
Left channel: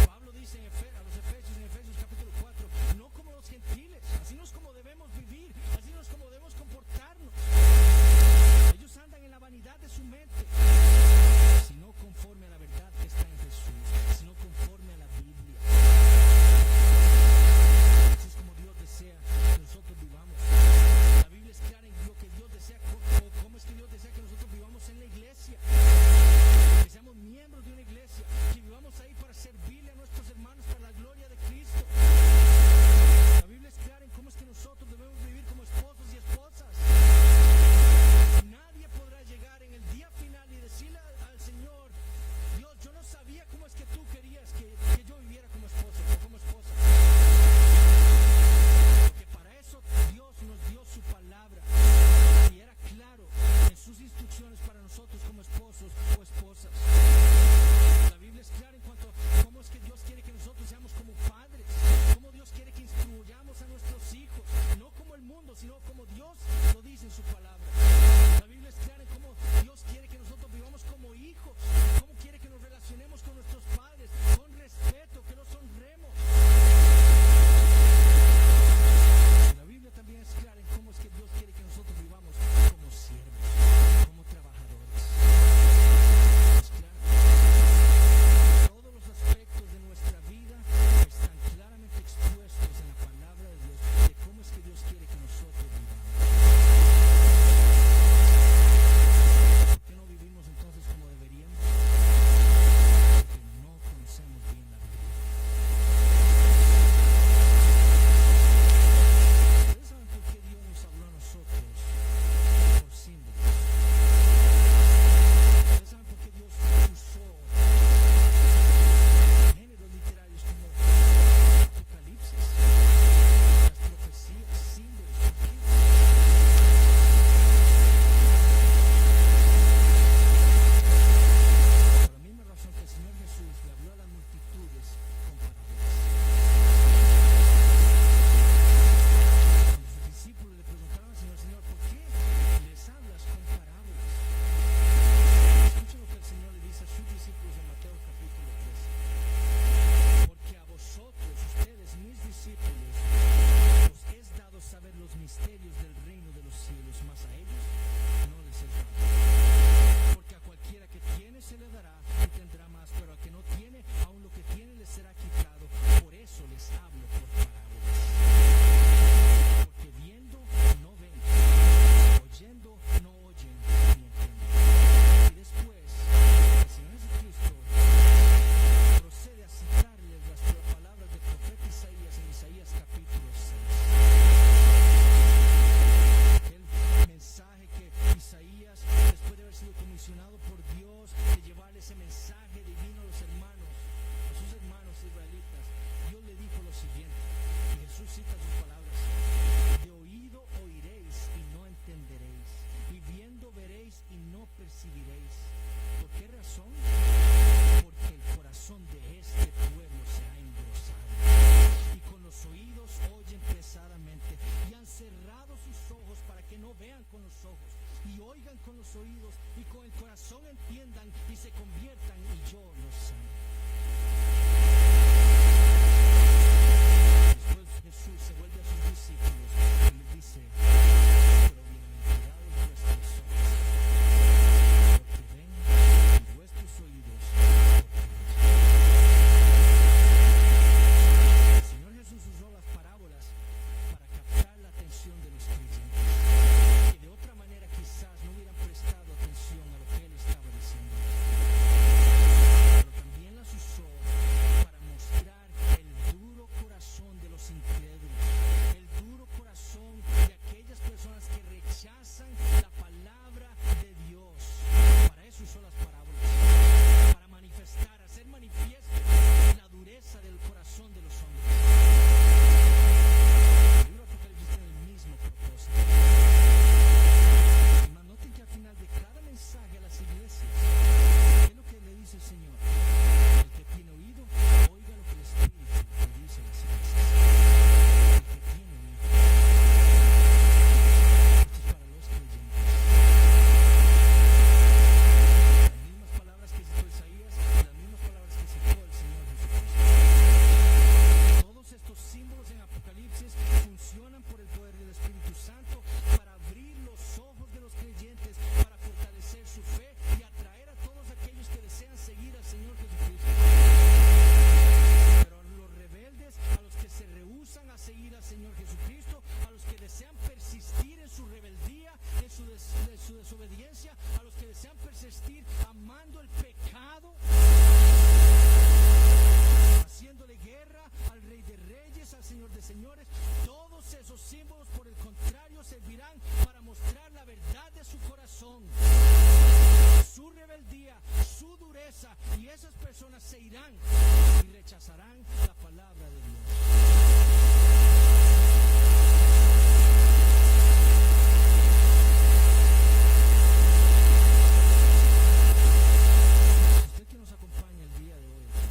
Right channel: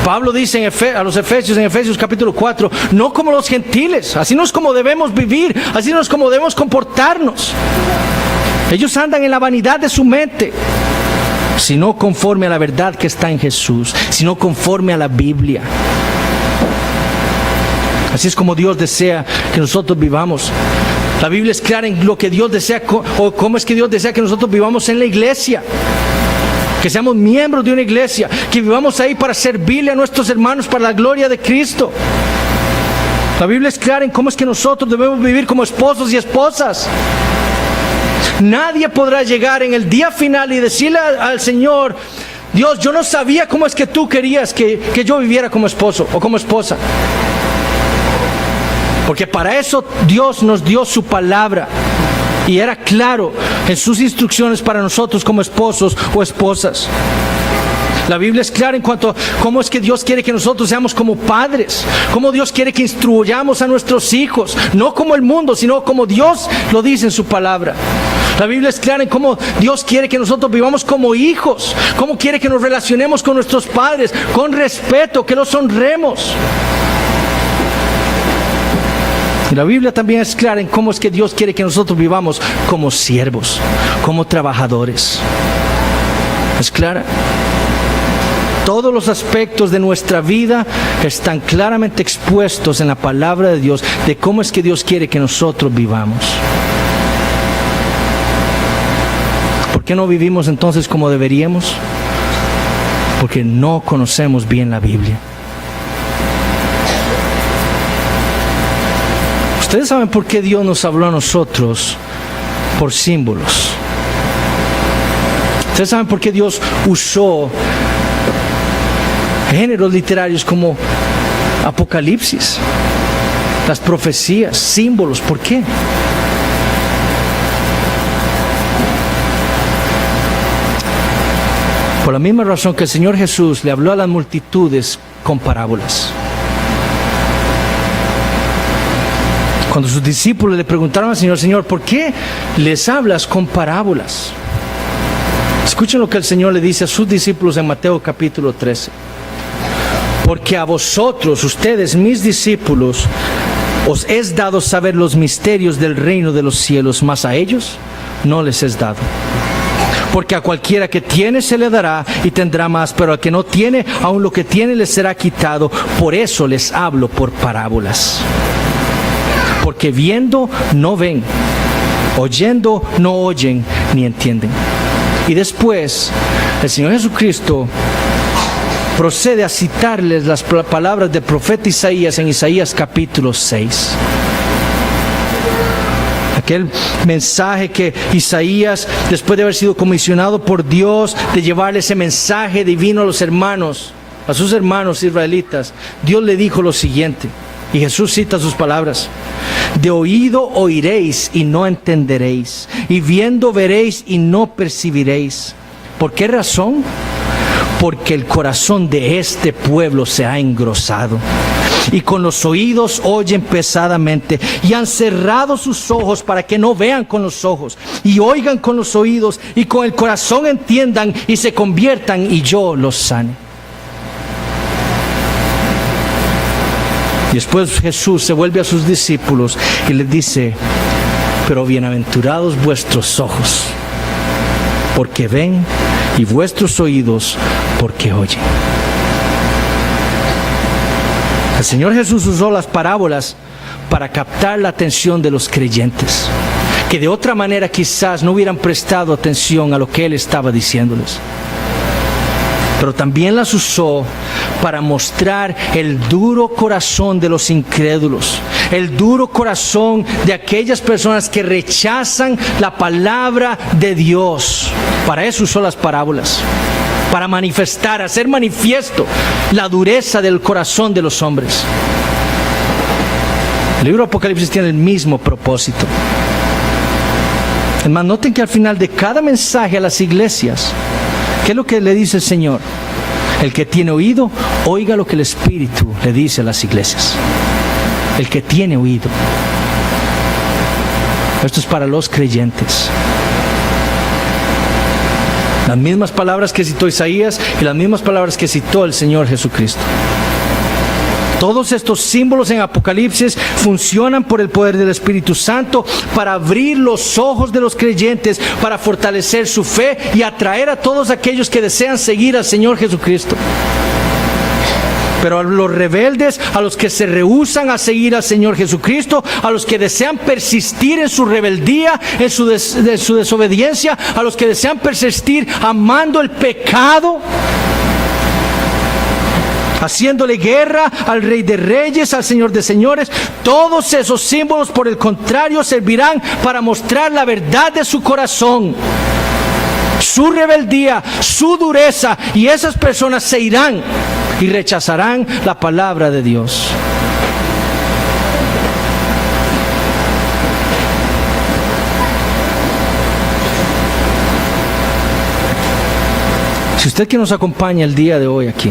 Pablo dice a los Efesios, en Efesios capítulo 4, no como los gentiles, así no es como debemos vivir, así no es como debemos comportarnos. Ellos andan en la vanidad de su mente, sino conforme a la verdad que está en Jesús, sino conforme a la Biblia. Así es como Dios desea que nosotros vivamos. La Biblia es clara en lo que Dios desea, o cómo es que Dios desea que nosotros vivamos en la iglesia. Que seamos miembros de una iglesia, que vivamos ahí para servirle a nuestros hermanos para la gloria de Cristo. La Biblia es clara en cómo es que nosotros debemos vivir como esposos y esposas. Nadie podrá llegar en el día final y decirle al Señor: Dios, yo no sabía cómo es que tú querías que yo viviera como esposo o como esposa. Porque para eso Dios nos dio su palabra. Y era claro en sus instrucciones para nosotros como esposos o esposas. La Biblia es clara en cuanto a cómo es que Dios quiere que nosotros seamos como padres. Cómo Dios quiere que instruyamos a nuestros hijos. No como el mundo, sino como Dios lo dice en su palabra. La Biblia es clara en cómo Dios quiere que nosotros vivamos como hijos. Cómo quiere que nos relacionemos con nuestros padres con respeto, que los honremos. Y la Biblia también es clara en cómo es que Dios quiere que nosotros vivamos como siervos, como trabajadores. Es clara. Todos los aspectos de nuestra vida están claramente expuestos en la palabra de Dios, de cómo es que Dios quiere que nosotros vivamos. ¿Por qué no vivimos entonces como deberíamos? Porque no conocemos bien la Biblia. Ustedes saben por qué Dios nos habló a nosotros por símbolos. Ustedes saben por qué Dios usó géneros literarios como Apocalipsis, las profecías, símbolos. ¿Por qué? Por la misma razón que el Señor Jesús le habló a las multitudes con parábolas. Cuando sus discípulos le preguntaron al Señor: Señor, ¿por qué les hablas con parábolas? Escuchen lo que el Señor le dice a sus discípulos en Mateo capítulo 13. Porque a vosotros, ustedes, mis discípulos, os es dado saber los misterios del reino de los cielos, mas a ellos no les es dado. Porque a cualquiera que tiene se le dará y tendrá más, pero al que no tiene, aun lo que tiene le será quitado. Por eso les hablo por parábolas. Porque viendo no ven, oyendo no oyen ni entienden. Y después el Señor Jesucristo procede a citarles las palabras del profeta Isaías en Isaías capítulo 6. Aquel mensaje que Isaías, después de haber sido comisionado por Dios de llevarle ese mensaje divino a los hermanos, a sus hermanos israelitas, Dios le dijo lo siguiente, y Jesús cita sus palabras: de oído oiréis y no entenderéis, y viendo veréis y no percibiréis. ¿Por qué razón? Porque el corazón de este pueblo se ha engrosado, y con los oídos oyen pesadamente, y han cerrado sus ojos para que no vean con los ojos, y oigan con los oídos, y con el corazón entiendan, y se conviertan, y yo los sane. Y después Jesús se vuelve a sus discípulos y les dice: pero bienaventurados vuestros ojos, porque ven, y vuestros oídos, porque oyen. El Señor Jesús usó las parábolas para captar la atención de los creyentes, que de otra manera quizás no hubieran prestado atención a lo que Él estaba diciéndoles. Pero también las usó para mostrar el duro corazón de los incrédulos, el duro corazón de aquellas personas que rechazan la palabra de Dios. Para eso usó las parábolas, para manifestar, hacer manifiesto la dureza del corazón de los hombres. El libro de Apocalipsis tiene el mismo propósito. Además, noten que al final de cada mensaje a las iglesias, ¿qué es lo que le dice el Señor? El que tiene oído, oiga lo que el Espíritu le dice a las iglesias. El que tiene oído. Esto es para los creyentes. Las mismas palabras que citó Isaías y las mismas palabras que citó el Señor Jesucristo. Todos estos símbolos en Apocalipsis funcionan por el poder del Espíritu Santo para abrir los ojos de los creyentes, para fortalecer su fe y atraer a todos aquellos que desean seguir al Señor Jesucristo. Pero a los rebeldes, a los que se rehúsan a seguir al Señor Jesucristo, a los que desean persistir en su rebeldía, en su desobediencia, a los que desean persistir amando el pecado, haciéndole guerra al Rey de Reyes, al Señor de Señores, todos esos símbolos, por el contrario, servirán para mostrar la verdad de su corazón, su rebeldía, su dureza, y esas personas se irán y rechazarán la palabra de Dios. Si usted que nos acompaña el día de hoy aquí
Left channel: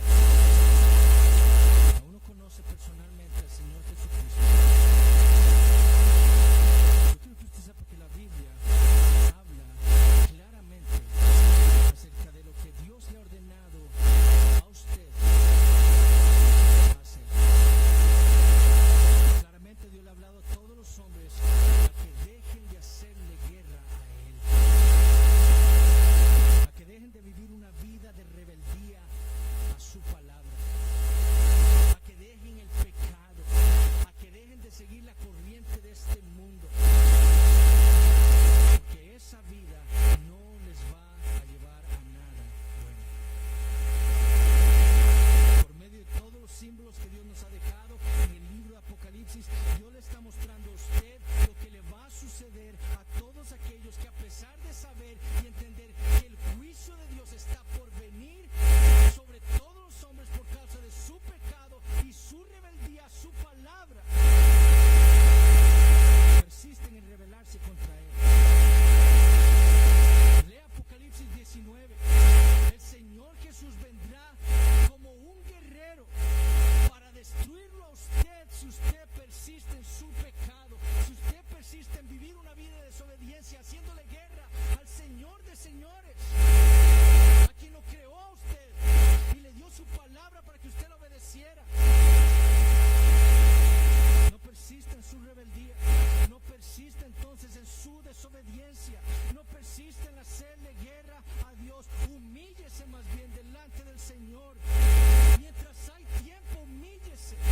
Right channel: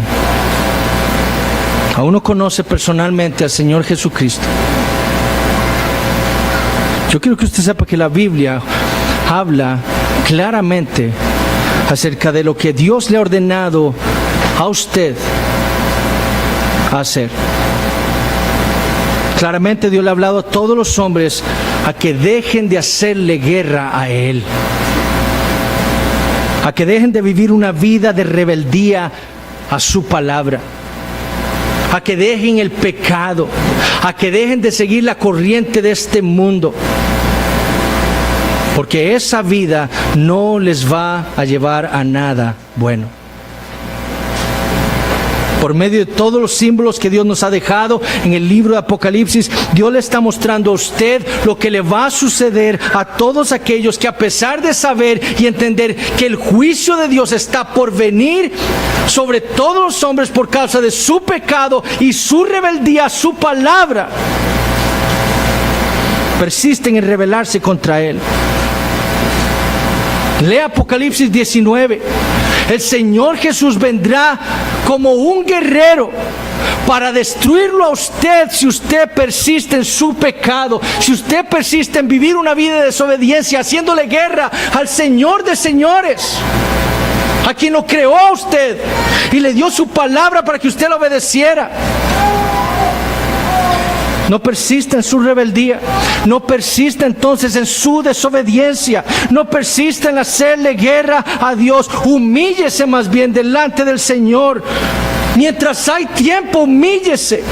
aún no conoce personalmente al Señor Jesucristo, yo quiero que usted sepa que la Biblia habla claramente acerca de lo que Dios le ha ordenado a usted hacer. Claramente Dios le ha hablado a todos los hombres a que dejen de hacerle guerra a Él, a que dejen de vivir una vida de rebeldía a su palabra, a que dejen el pecado, a que dejen de seguir la corriente de este mundo, porque esa vida no les va a llevar a nada bueno. Por medio de todos los símbolos que Dios nos ha dejado en el libro de Apocalipsis, Dios le está mostrando a usted lo que le va a suceder a todos aquellos que, a pesar de saber y entender que el juicio de Dios está por venir sobre todos los hombres por causa de su pecado y su rebeldía a su palabra, persisten en rebelarse contra Él. Lea Apocalipsis 19. El Señor Jesús vendrá como un guerrero para destruirlo a usted si usted persiste en su pecado, si usted persiste en vivir una vida de desobediencia, haciéndole guerra al Señor de señores, a quien lo creó a usted y le dio su palabra para que usted la obedeciera. No persista en su rebeldía, no persista entonces en su desobediencia, no persista en hacerle guerra a Dios. Humíllese más bien delante del Señor. Mientras hay tiempo, humíllese.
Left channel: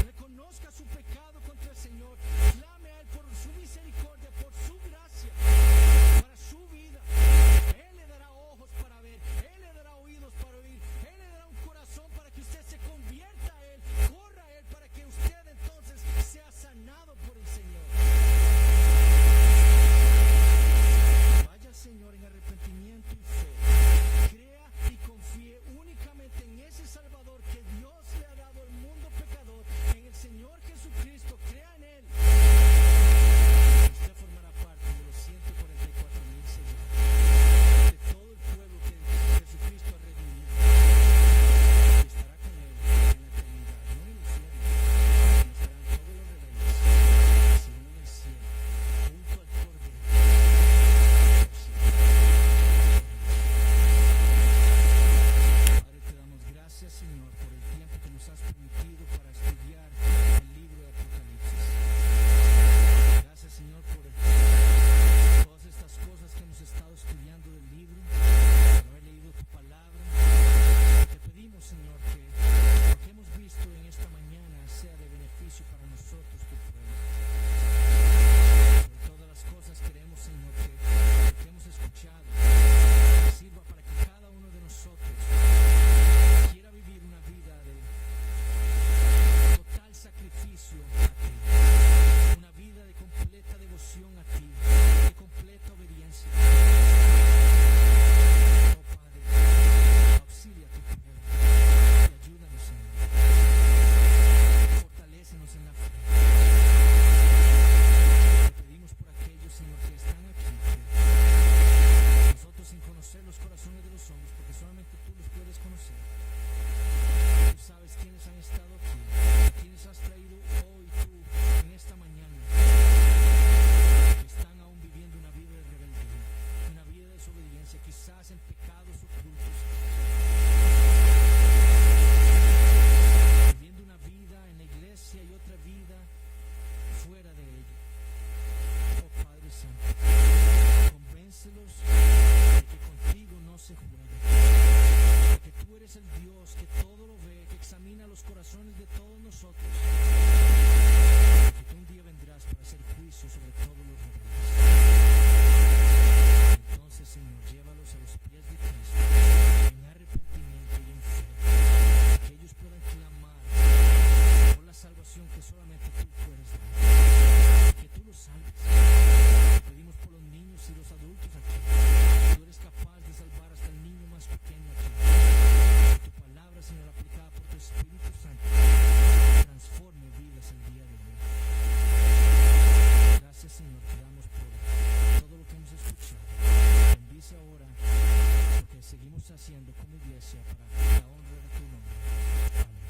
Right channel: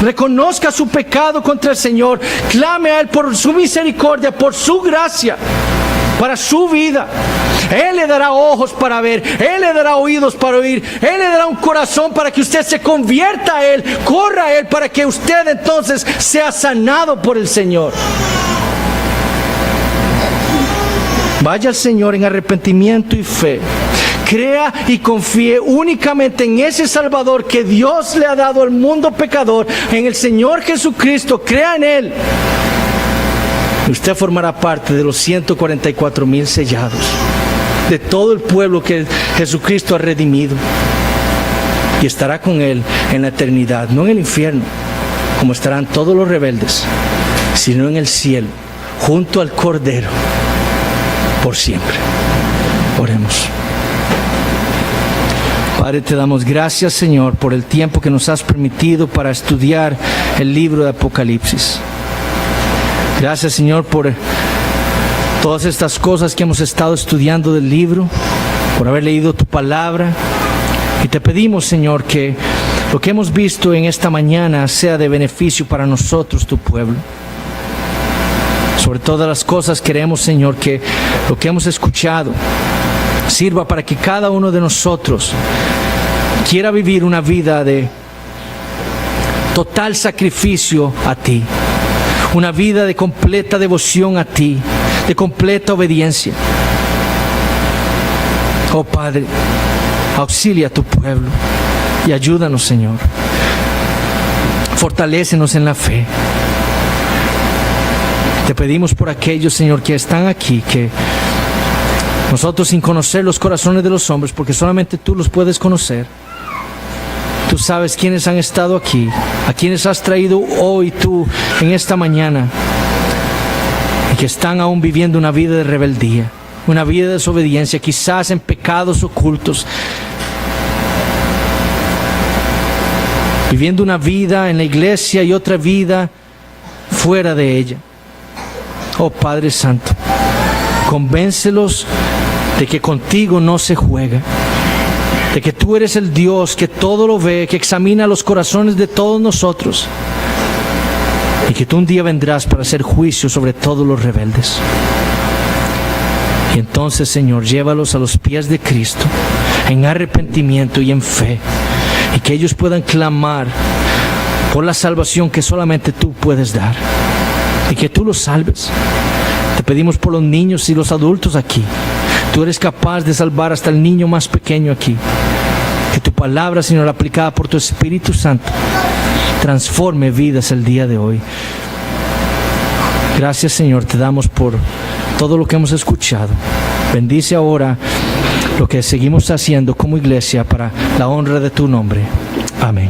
Reconozca su pecado contra el Señor, clame a Él por su misericordia, por su gracia para su vida. Él le dará ojos para ver, Él le dará oídos para oír, Él le dará un corazón para que usted se convierta a Él, corra a Él, para que usted entonces sea sanado por el Señor. Vaya al Señor en arrepentimiento y fe. Crea y confíe únicamente en ese Salvador que Dios le ha dado al mundo pecador, en el Señor Jesucristo. Crea en Él. Usted formará parte de los 144,000 sellados, de todo el pueblo que Jesucristo ha redimido, y estará con Él en la eternidad, no en el infierno, como estarán todos los rebeldes, sino en el cielo, junto al Cordero, por siempre. Oremos. Padre, te damos gracias, Señor, por el tiempo que nos has permitido para estudiar el libro de Apocalipsis. Gracias, Señor, por todas estas cosas que hemos estado estudiando del libro, por haber leído tu palabra. Y te pedimos, Señor, que lo que hemos visto en esta mañana sea de beneficio para nosotros, tu pueblo. Sobre todas las cosas queremos, Señor, que lo que hemos escuchado sirva para que cada uno de nosotros quiera vivir una vida de total sacrificio a ti, una vida de completa devoción a ti, de completa obediencia. Oh Padre, auxilia a tu pueblo y ayúdanos, Señor. Fortalécenos en la fe. Te pedimos por aquellos, Señor, que están aquí, que nosotros, sin conocer los corazones de los hombres, porque solamente tú los puedes conocer, tú sabes quiénes han estado aquí, a quienes has traído hoy tú en esta mañana, y que están aún viviendo una vida de rebeldía, una vida de desobediencia, quizás en pecados ocultos, viviendo una vida en la iglesia y otra vida fuera de ella. Oh Padre Santo, convéncelos de que contigo no se juega, de que tú eres el Dios que todo lo ve, que examina los corazones de todos nosotros, y que tú un día vendrás para hacer juicio sobre todos los rebeldes. Y entonces, Señor, llévalos a los pies de Cristo en arrepentimiento y en fe, y que ellos puedan clamar por la salvación que solamente tú puedes dar, y que tú los salves. Te pedimos por los niños y los adultos aquí. Tú eres capaz de salvar hasta el niño más pequeño aquí. Que tu palabra, Señor, aplicada por tu Espíritu Santo, transforme vidas el día de hoy. Gracias, Señor, te damos por todo lo que hemos escuchado. Bendice ahora lo que seguimos haciendo como iglesia para la honra de tu nombre. Amén.